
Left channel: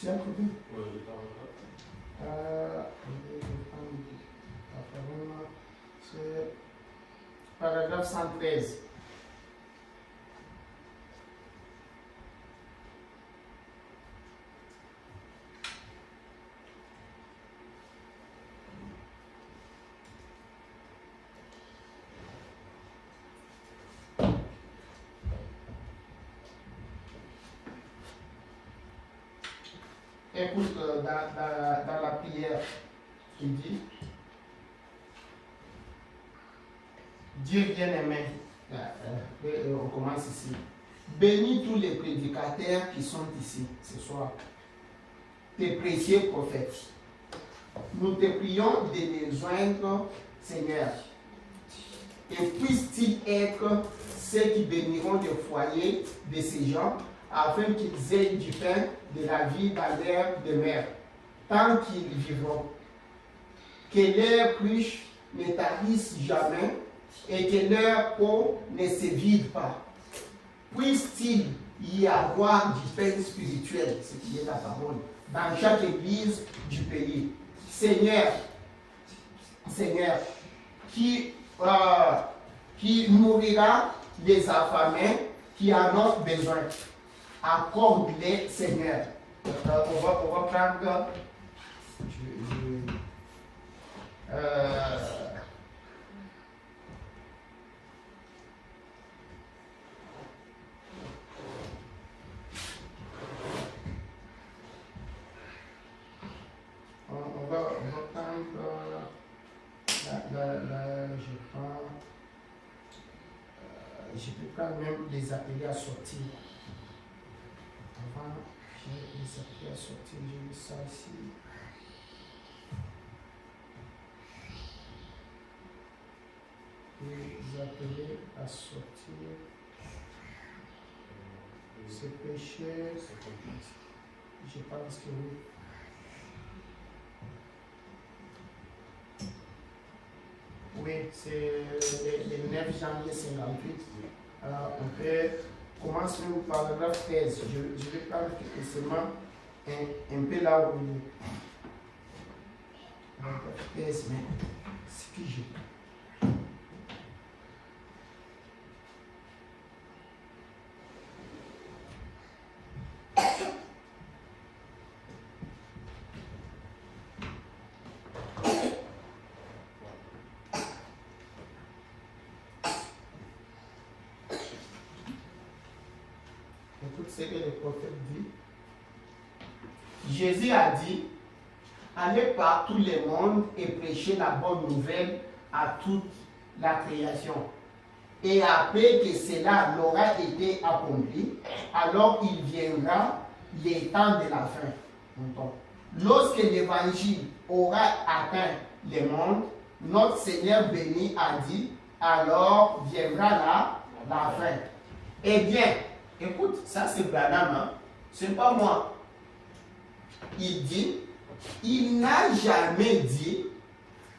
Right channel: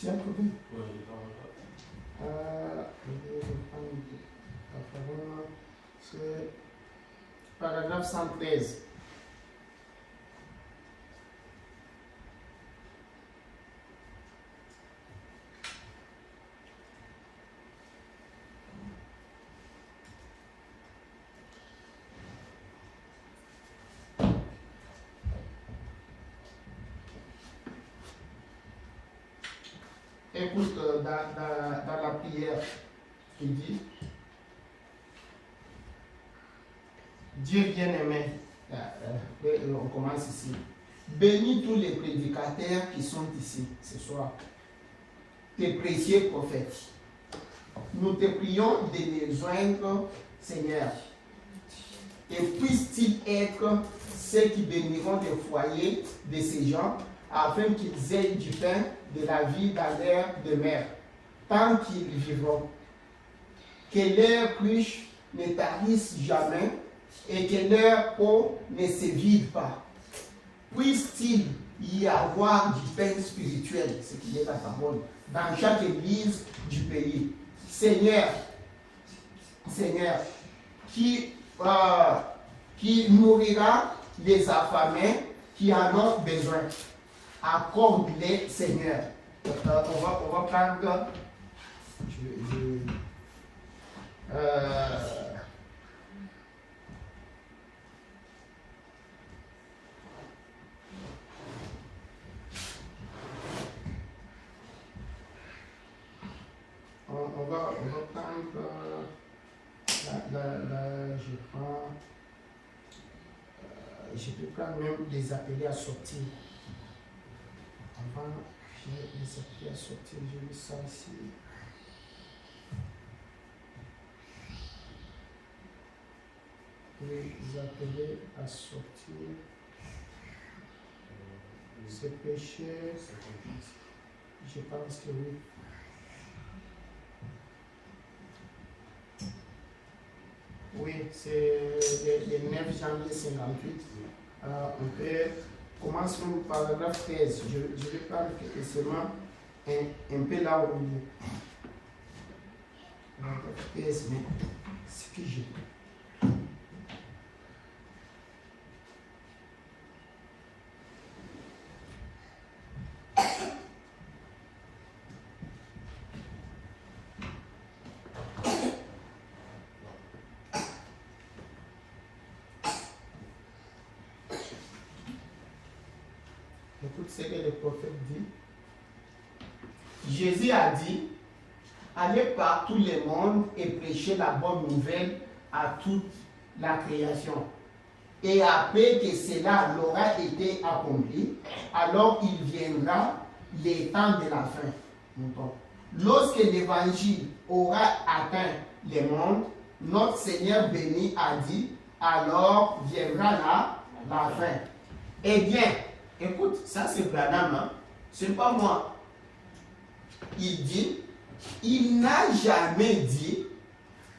Tiens, côté. C'est paragraphe 113. écoute, dans la prière, il dit, Dieu bien-aimé, on commence ici. Bénis tous les prédicateurs qui sont ici ce soir, tes précieux prophètes. Nous te prions de les joindre, Seigneur. Et puissent-ils être ceux qui béniront le foyer de ces gens, afin qu'ils aient du pain de la vie dans leur demeure, tant qu'ils vivront. Que leur cruche ne tarisse jamais, et que leur eau ne se vide pas. Puisse-t-il y avoir du pain spirituel, ce qui est la parole, dans chaque église du pays. Seigneur, qui nourrira les affamés qui en ont besoin. Accorde-les, Seigneur. On va prendre. On va prendre je prends, je peux quand même les appeler à sortir. Avant, j'ai les appeler à sortir, j'ai mis ça ici. Les appeler à sortir. C'est péché. Je pense que oui. Oui, c'est le 9 janvier 58. Alors, on peut commencer au paragraphe 13. Je vais prendre seulement un peu là où il est. Paragraphe 13, mais c'est que j'ai. Écoute ce que le prophète dit. Jésus a dit, allez par tout le monde et prêchez la bonne nouvelle à toute la création. Et après que cela aura été accompli, alors il viendra les temps de la fin. Lorsque l'évangile aura atteint le monde, notre Seigneur béni a dit, alors viendra la fin. Eh bien, écoute, ça c'est Branham, hein? Ce n'est pas moi. Il dit, il n'a jamais dit,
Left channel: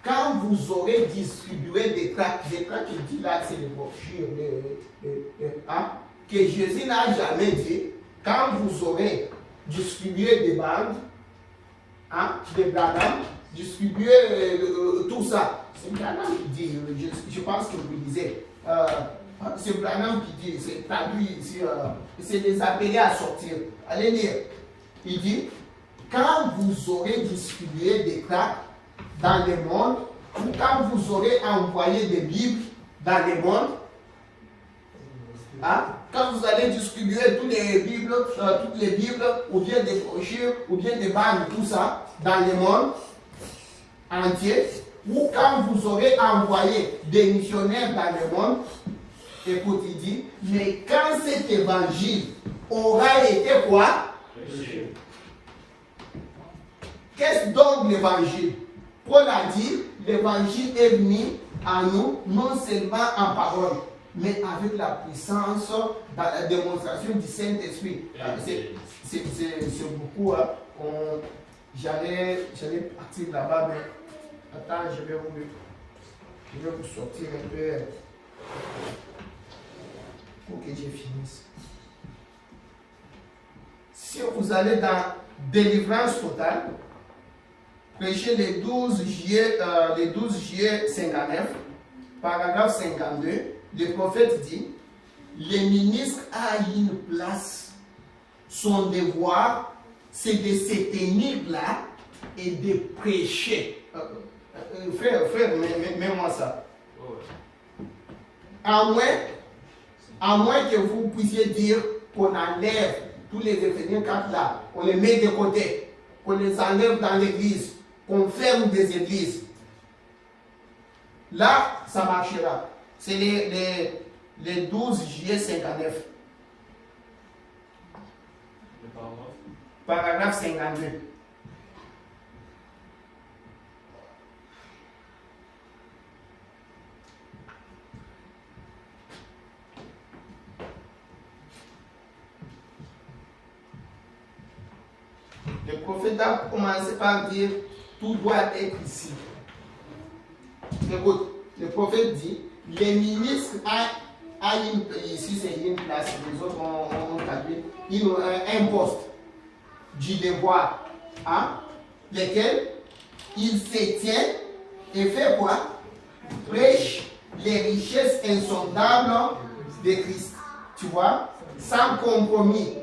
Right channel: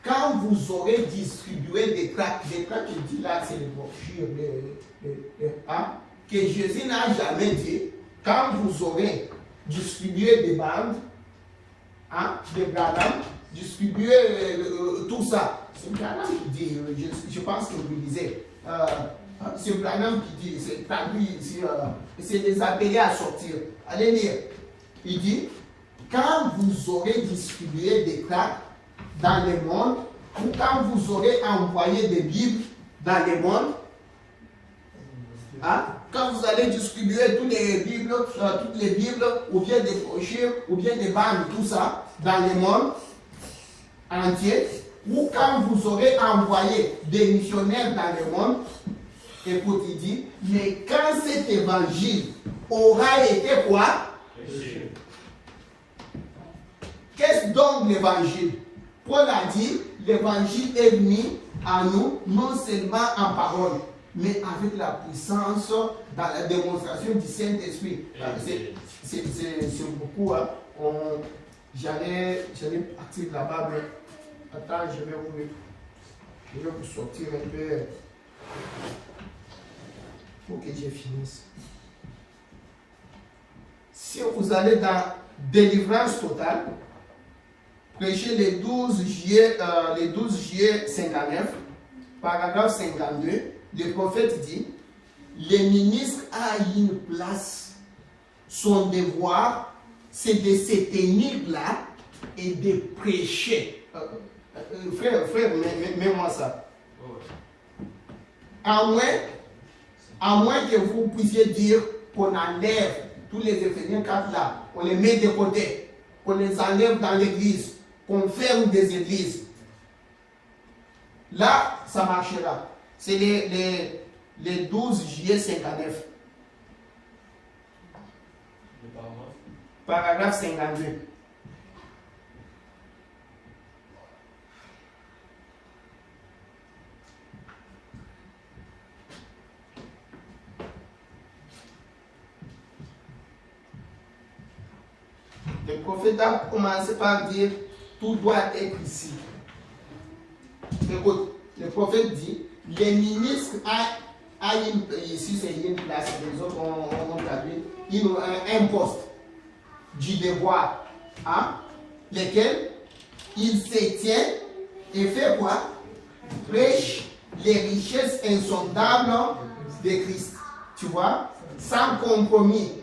quand vous aurez distribué des tracts, il dit là, c'est les brochures, hein? Que Jésus n'a jamais dit, quand vous aurez distribué des bandes, hein, des Branham, distribuer tout ça. C'est Branham qui dit, je pense que vous lisez. C'est Branham qui dit, c'est pas lui, c'est les appeler à sortir. Allez lire. Il dit, quand vous aurez distribué des tracts dans le monde, ou quand vous aurez envoyé des Bibles dans le monde, hein, quand vous allez distribuer toutes les Bibles, ou bien des brochures, ou bien des bandes, tout ça, dans le monde entier, ou quand vous aurez envoyé des missionnaires dans le monde, écoute, il dit, mais quand cet évangile aura été quoi? Qu'est-ce donc l'évangile? Paul a dit, l'évangile est venu à nous, non seulement en parole, mais avec la puissance dans la démonstration du Saint-Esprit. C'est beaucoup. Hein. J'allais partir là-bas, mais attends, je vais vous sortir un peu pour que je finisse. Si vous allez dans délivrance totale, prêchez le 12 juillet 59, paragraphe 52, le prophète dit, le ministre a une place, son devoir, c'est de se tenir là et de prêcher. Frère, mets-moi ça. À moins que vous puissiez dire qu'on enlève tous les référents là, on les met de côté. qu'on les enlève dans l'église, qu'on ferme des églises. Là, ça marchera. C'est les 12 juillet 59. Paragraphe 52. Le prophète a commencé par dire tout doit être ici. Écoute, le prophète dit les ministres ici c'est une place, les autres ont traduit, ils ont un poste du devoir, hein, lesquels il se tient et fait quoi? Prêche les richesses insondables de Christ. Tu vois? Sans compromis.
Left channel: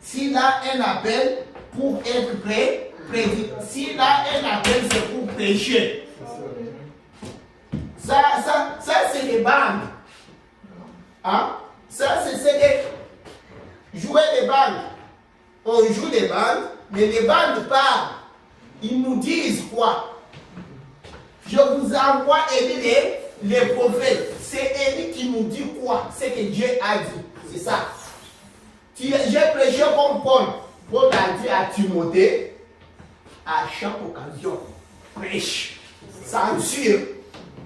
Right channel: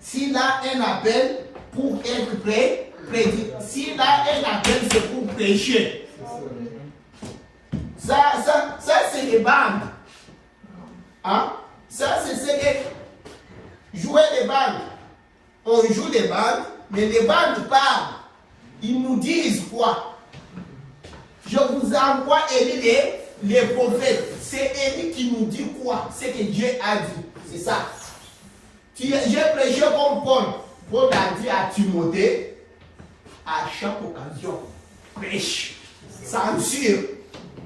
S'il a un appel pour être prêt, s'il a un appel, c'est pour prêcher. Ça c'est les bandes. Hein? Ça, c'est jouer les bandes. On joue les bandes, mais les bandes parlent. Ils nous disent quoi? Je vous envoie Élie, les prophètes. C'est Élie qui nous dit quoi? C'est que Dieu a dit. C'est ça. J'ai prêché comme Paul. Paul a dit à Timothée, à chaque occasion, prêche. Censure.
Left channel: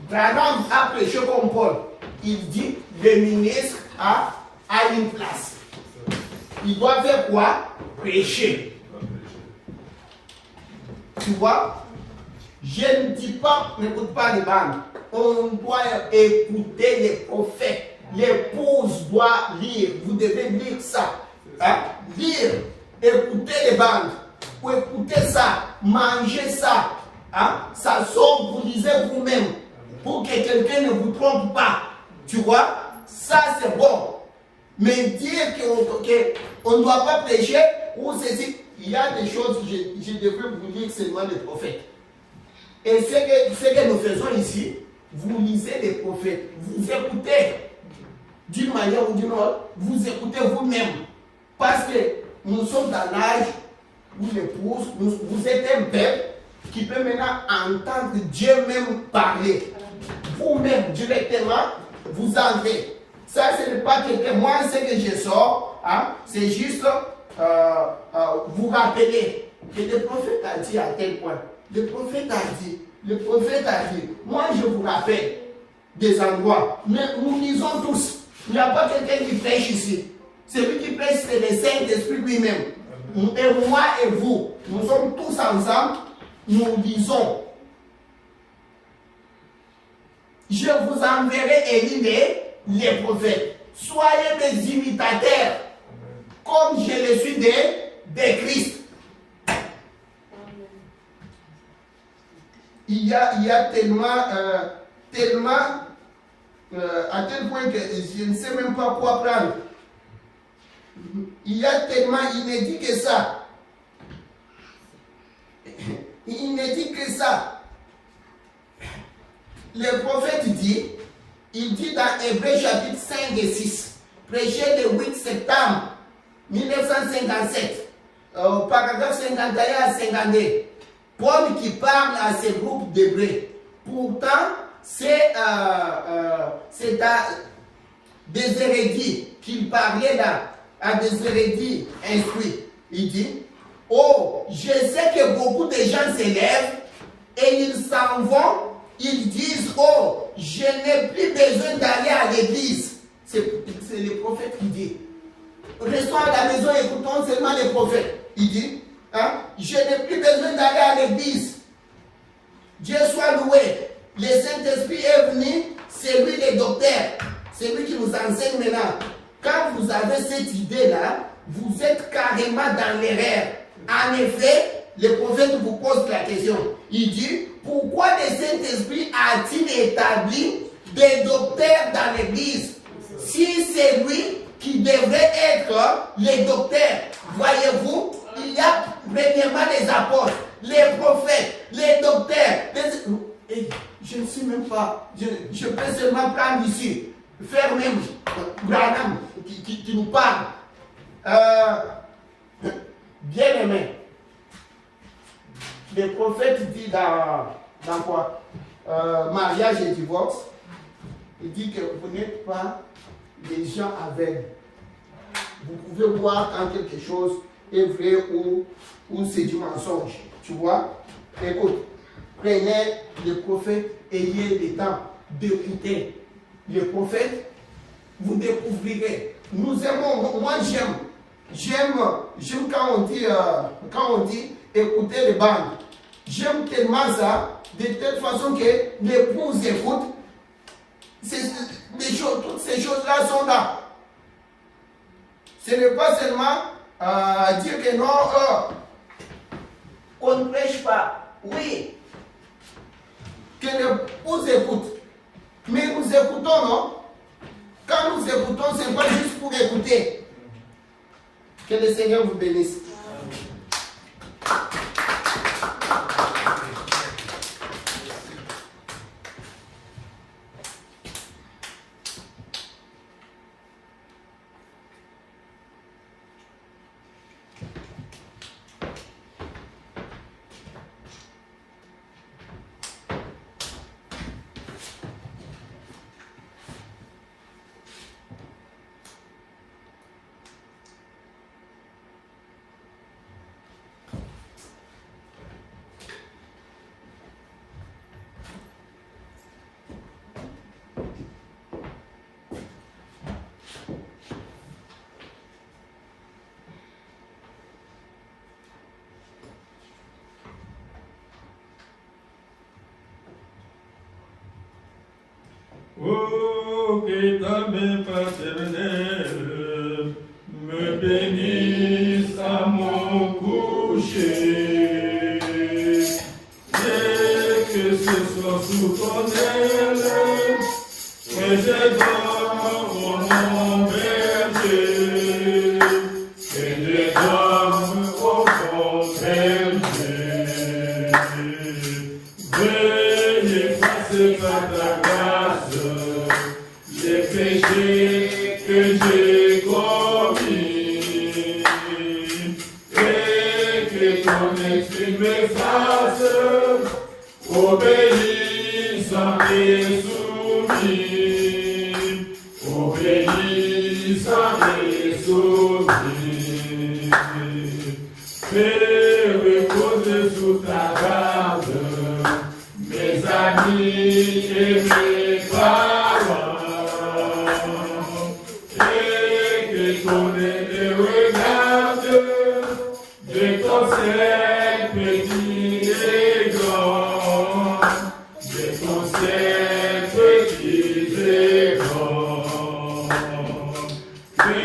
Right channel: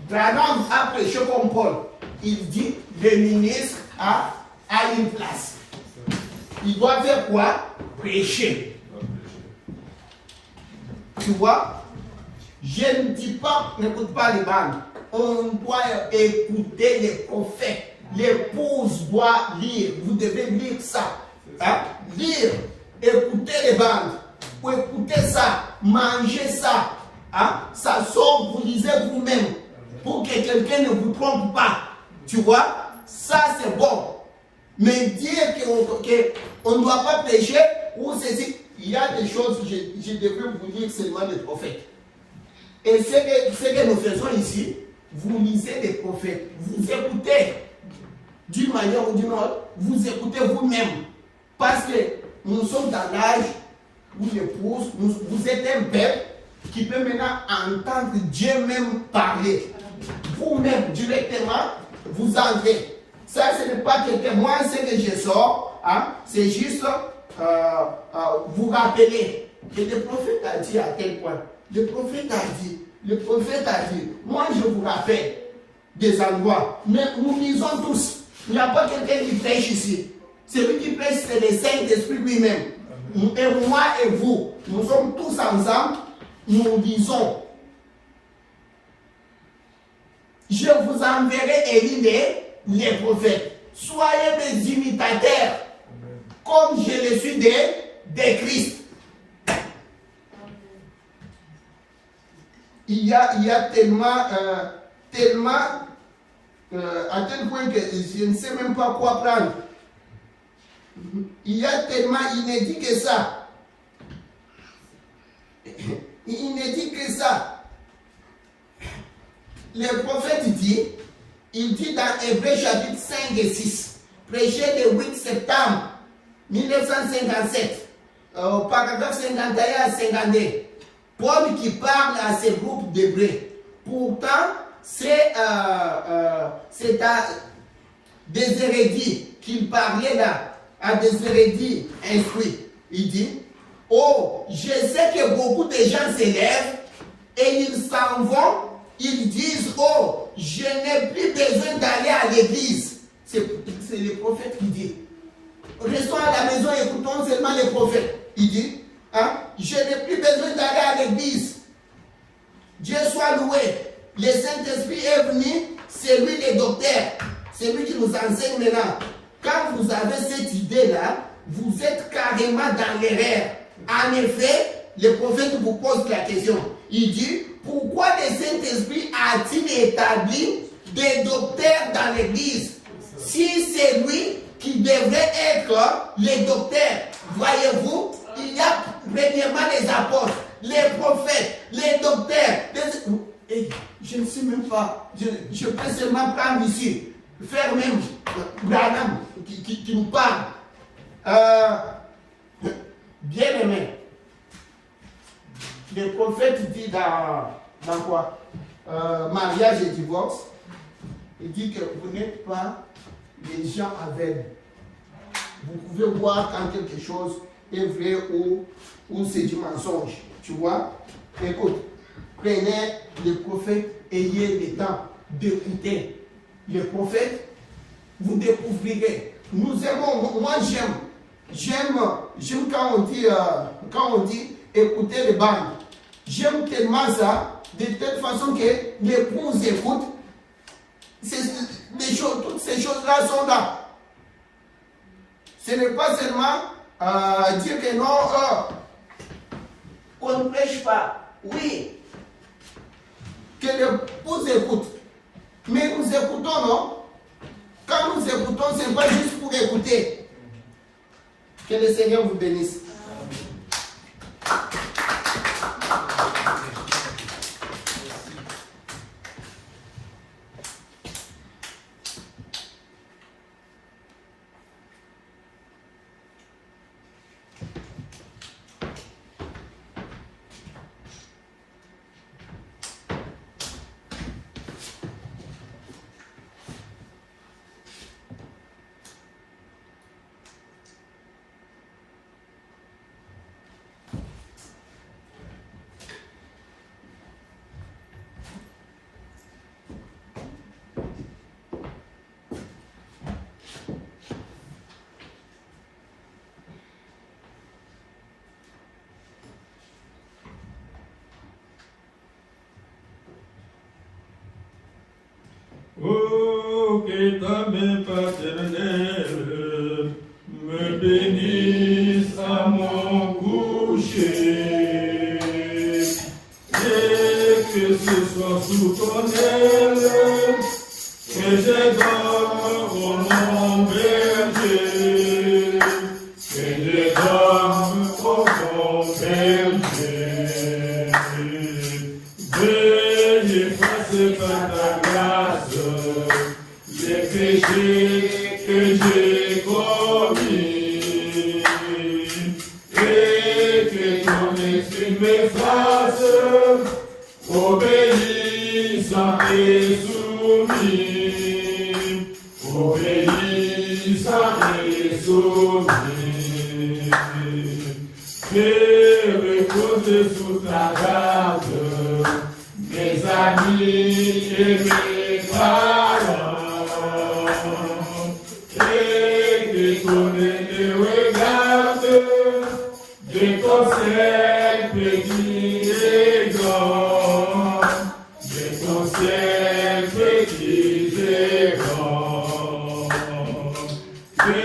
Branham a prêché comme Paul. Il dit, le ministre a une place. Il doit faire quoi? Prêcher. Tu vois? Je ne dis pas, n'écoute pas les bandes. On doit écouter les prophètes. L'épouse doit lire. Vous devez lire ça. Hein? Lire. Écoutez les bandes. Pour écouter ça. Manger ça. Hein? Ça sort, vous lisez vous-même. Pour que quelqu'un ne vous trompe pas. Tu vois? Ça c'est bon. Mais dire qu'on ne doit pas prêcher, ou ceci, il y a des choses que je devrais vous dire seulement des prophètes. Et ce que nous faisons ici, vous lisez les prophètes, vous écoutez d'une manière ou d'une autre, vous écoutez vous-même. Parce que nous sommes dans l'âge où l'épouse, vous êtes un peuple qui peut maintenant entendre Dieu même parler. Vous-même, directement, vous entrez. Ça, ce n'est pas que moi, ce que je sors, hein, c'est juste vous rappeler que le prophète a dit à tel point. Le prophète a dit. Moi, je vous rappelle des endroits. Mais nous lisons tous. Il n'y a pas quelqu'un qui prêche ici. Celui qui prêche, c'est le Saint-Esprit lui-même. Et moi et vous, nous sommes tous ensemble, nous lisons. Je vous enverrai Élie, les prophètes. Soyez des imitateurs, comme je le suis de Christ. Il y a tellement, à tel point que je ne sais même pas quoi prendre. Il y a tellement inédit que ça. Inédit que ça. Le prophète dit, il dit dans Hébreux chapitre 5 et 6, prêché le 8 septembre 1957, au paragraphe 51 à 52, Paul qui parle à ce groupe d'Hébreux. Pourtant, c'est à des érudits qu'il parlait là, à des érudits instruits. Il dit, oh, je sais que beaucoup de gens s'élèvent et ils s'en vont. Ils disent, oh, je n'ai plus besoin d'aller à l'église. C'est le prophète qui dit. Restons à la maison, écoutons seulement les prophètes. Il dit, hein, je n'ai plus besoin d'aller à l'église. Dieu soit loué. Le Saint-Esprit est venu, c'est lui le docteur. C'est lui qui nous enseigne maintenant. Quand vous avez cette idée-là, vous êtes carrément dans l'erreur. En effet, le prophète vous pose la question. Il dit, pourquoi le Saint-Esprit a-t-il établi des docteurs dans l'Église? Si c'est lui qui devrait être le docteur, voyez-vous, il y a premièrement les apôtres, les prophètes, les docteurs. Et je ne sais même pas, je peux seulement prendre ici, faire même Branham qui nous parle. Bien aimé. le prophète dit dans quoi mariage et divorce, il dit que vous n'êtes pas les gens aveugles. Vous pouvez voir quand quelque chose est vrai ou c'est du mensonge. Tu vois? Écoute, prenez le prophète, ayez le temps d'écouter le prophète, vous découvrirez. Nous aimons, moi j'aime quand on dit écouter les bandes. J'aime tellement ça, de telle façon que l'épouse écoute. Toutes ces choses-là sont là. Ce n'est pas seulement dire que non, on ne prêche pas. Oui, que l'épouse écoute. Mais nous écoutons, non? Quand nous écoutons, ce n'est pas juste pour écouter. Que le Seigneur vous bénisse. Oh, que ta main paternelle me bénisse à mon coucher, et que ce soit sous ton aile que je dorme au mon berger, que je dorme au mon berger. Veuille effacer par ta grâce les péchés que j'ai commis, et que ton esprit me fasse obéissant et soumis, obéissant et soumis. Fais reposer sous ta garde mes amis et mes parents, et que ton épée regarde de ton ciel petit et grand, de ton ciel petit et grand, que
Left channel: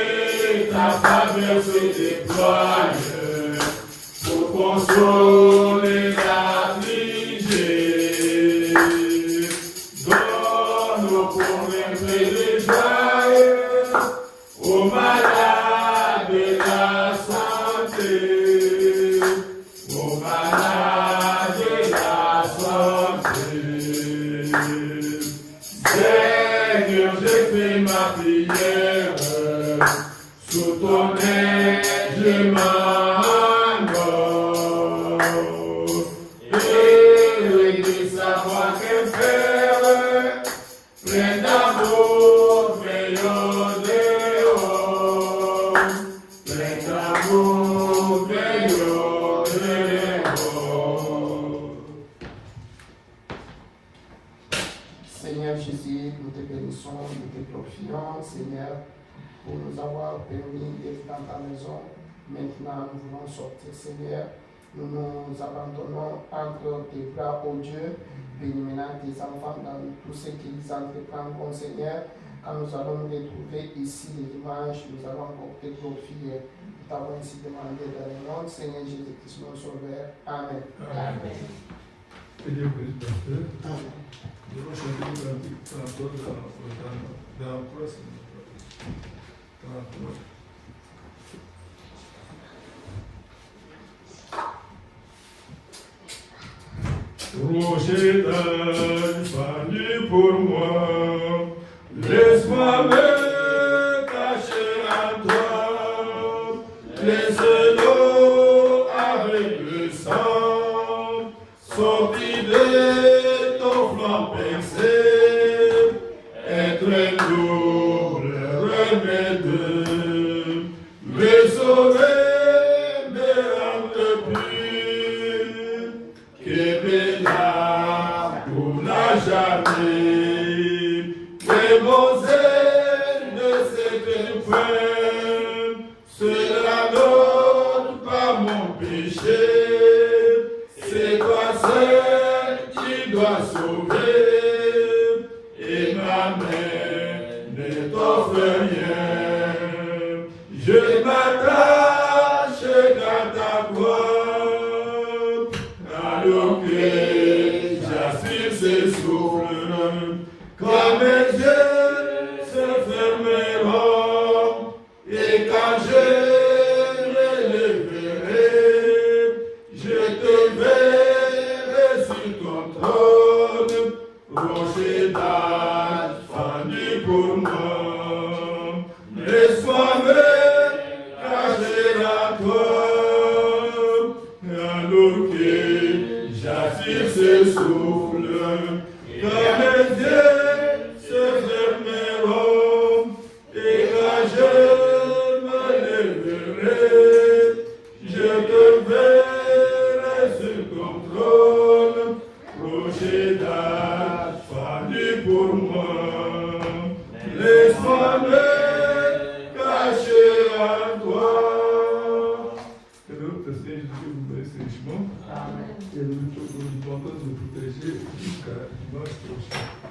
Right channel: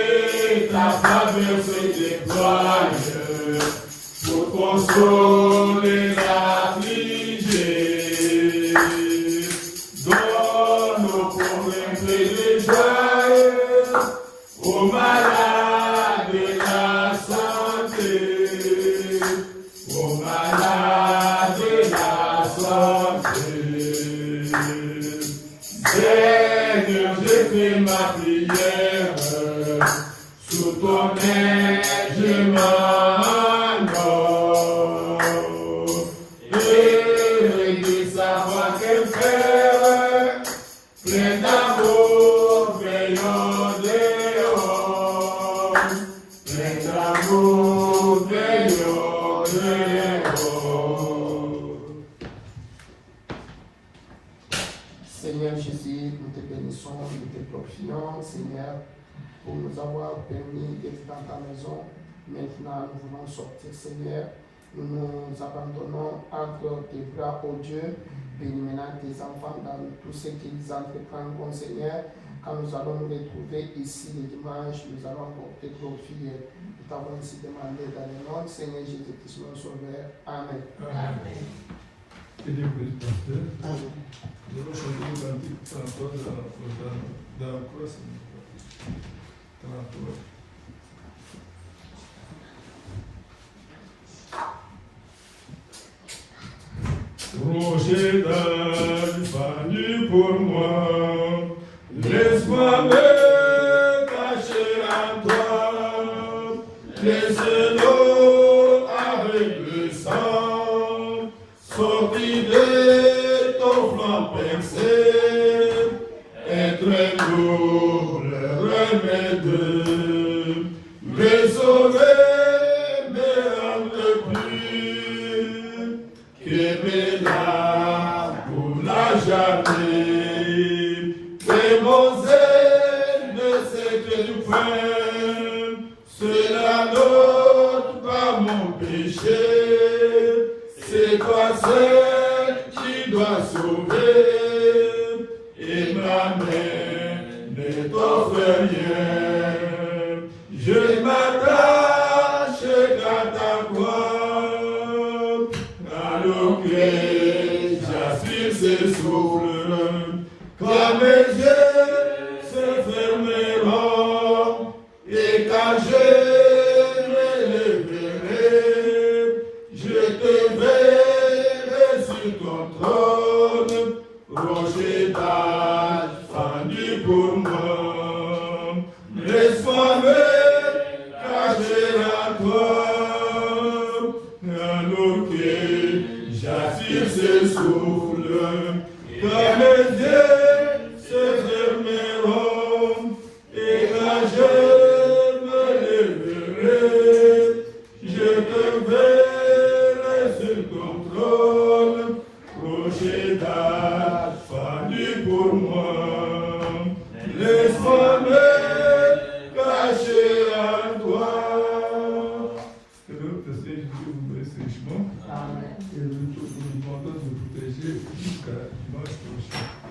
ta faveur se déploie pour consoler l'affligé. Donne pour remplir les joies aux malades la santé, aux malades la santé. Seigneur, je fais ma prière, sous ton aile je m'endors, et de savoir que faire, plein d'amour, veillons dehors, plein d'amour, veillons dehors. Seigneur Jésus, nous te bénissons, nous te glorifions, Seigneur, pour nous avoir permis d'être dans ta maison. Maintenant, nous voulons sortir, Seigneur. Nous nous abandonnons entre tes bras, ô Dieu. Bénis maintenant tes enfants dans tout ce qu'ils entreprendront, Seigneur. Quand nous allons nous retrouver ici le dimanche, nous allons encore te glorifier. Nous t'avons ainsi demandé dans le nom de Seigneur Jésus-Christ, notre Sauveur. Amen. Amen. Que Dieu bénisse, pasteur. Amen. Nous allons chanter un cantique encore dans la prochaine. Rocher banni pour moi, laisse-moi me cacher en toi, laisse l'eau avec le sang, de ton flanc percé, être un double remède. Le sauver me rendre plus que bénin pour n'a jamais. Que mon zèle ne s'éteint point, cela n'ôte pas mon péché. C'est toi seul qui dois sauver, et ma main ne t'offre rien. Je m'attache à ta voix, alors que j'aspire ce souffle, quand mes yeux se fermeront, et quand je me lèverai, je te verrai sur ton trône, rocher d'âge fendu pour moi. Laisse-moi me cacher à toi, alors que j'attire ce souffle, quand mes yeux se fermeront, et quand je me lèverai, je te verrai sur ton trône, rocher d'âge fendu pour moi. Laisse-moi me cacher à toi. Que notre Seigneur vous bénisse richement. Et nous demandons de nous protéger jusqu'à dimanche prochain.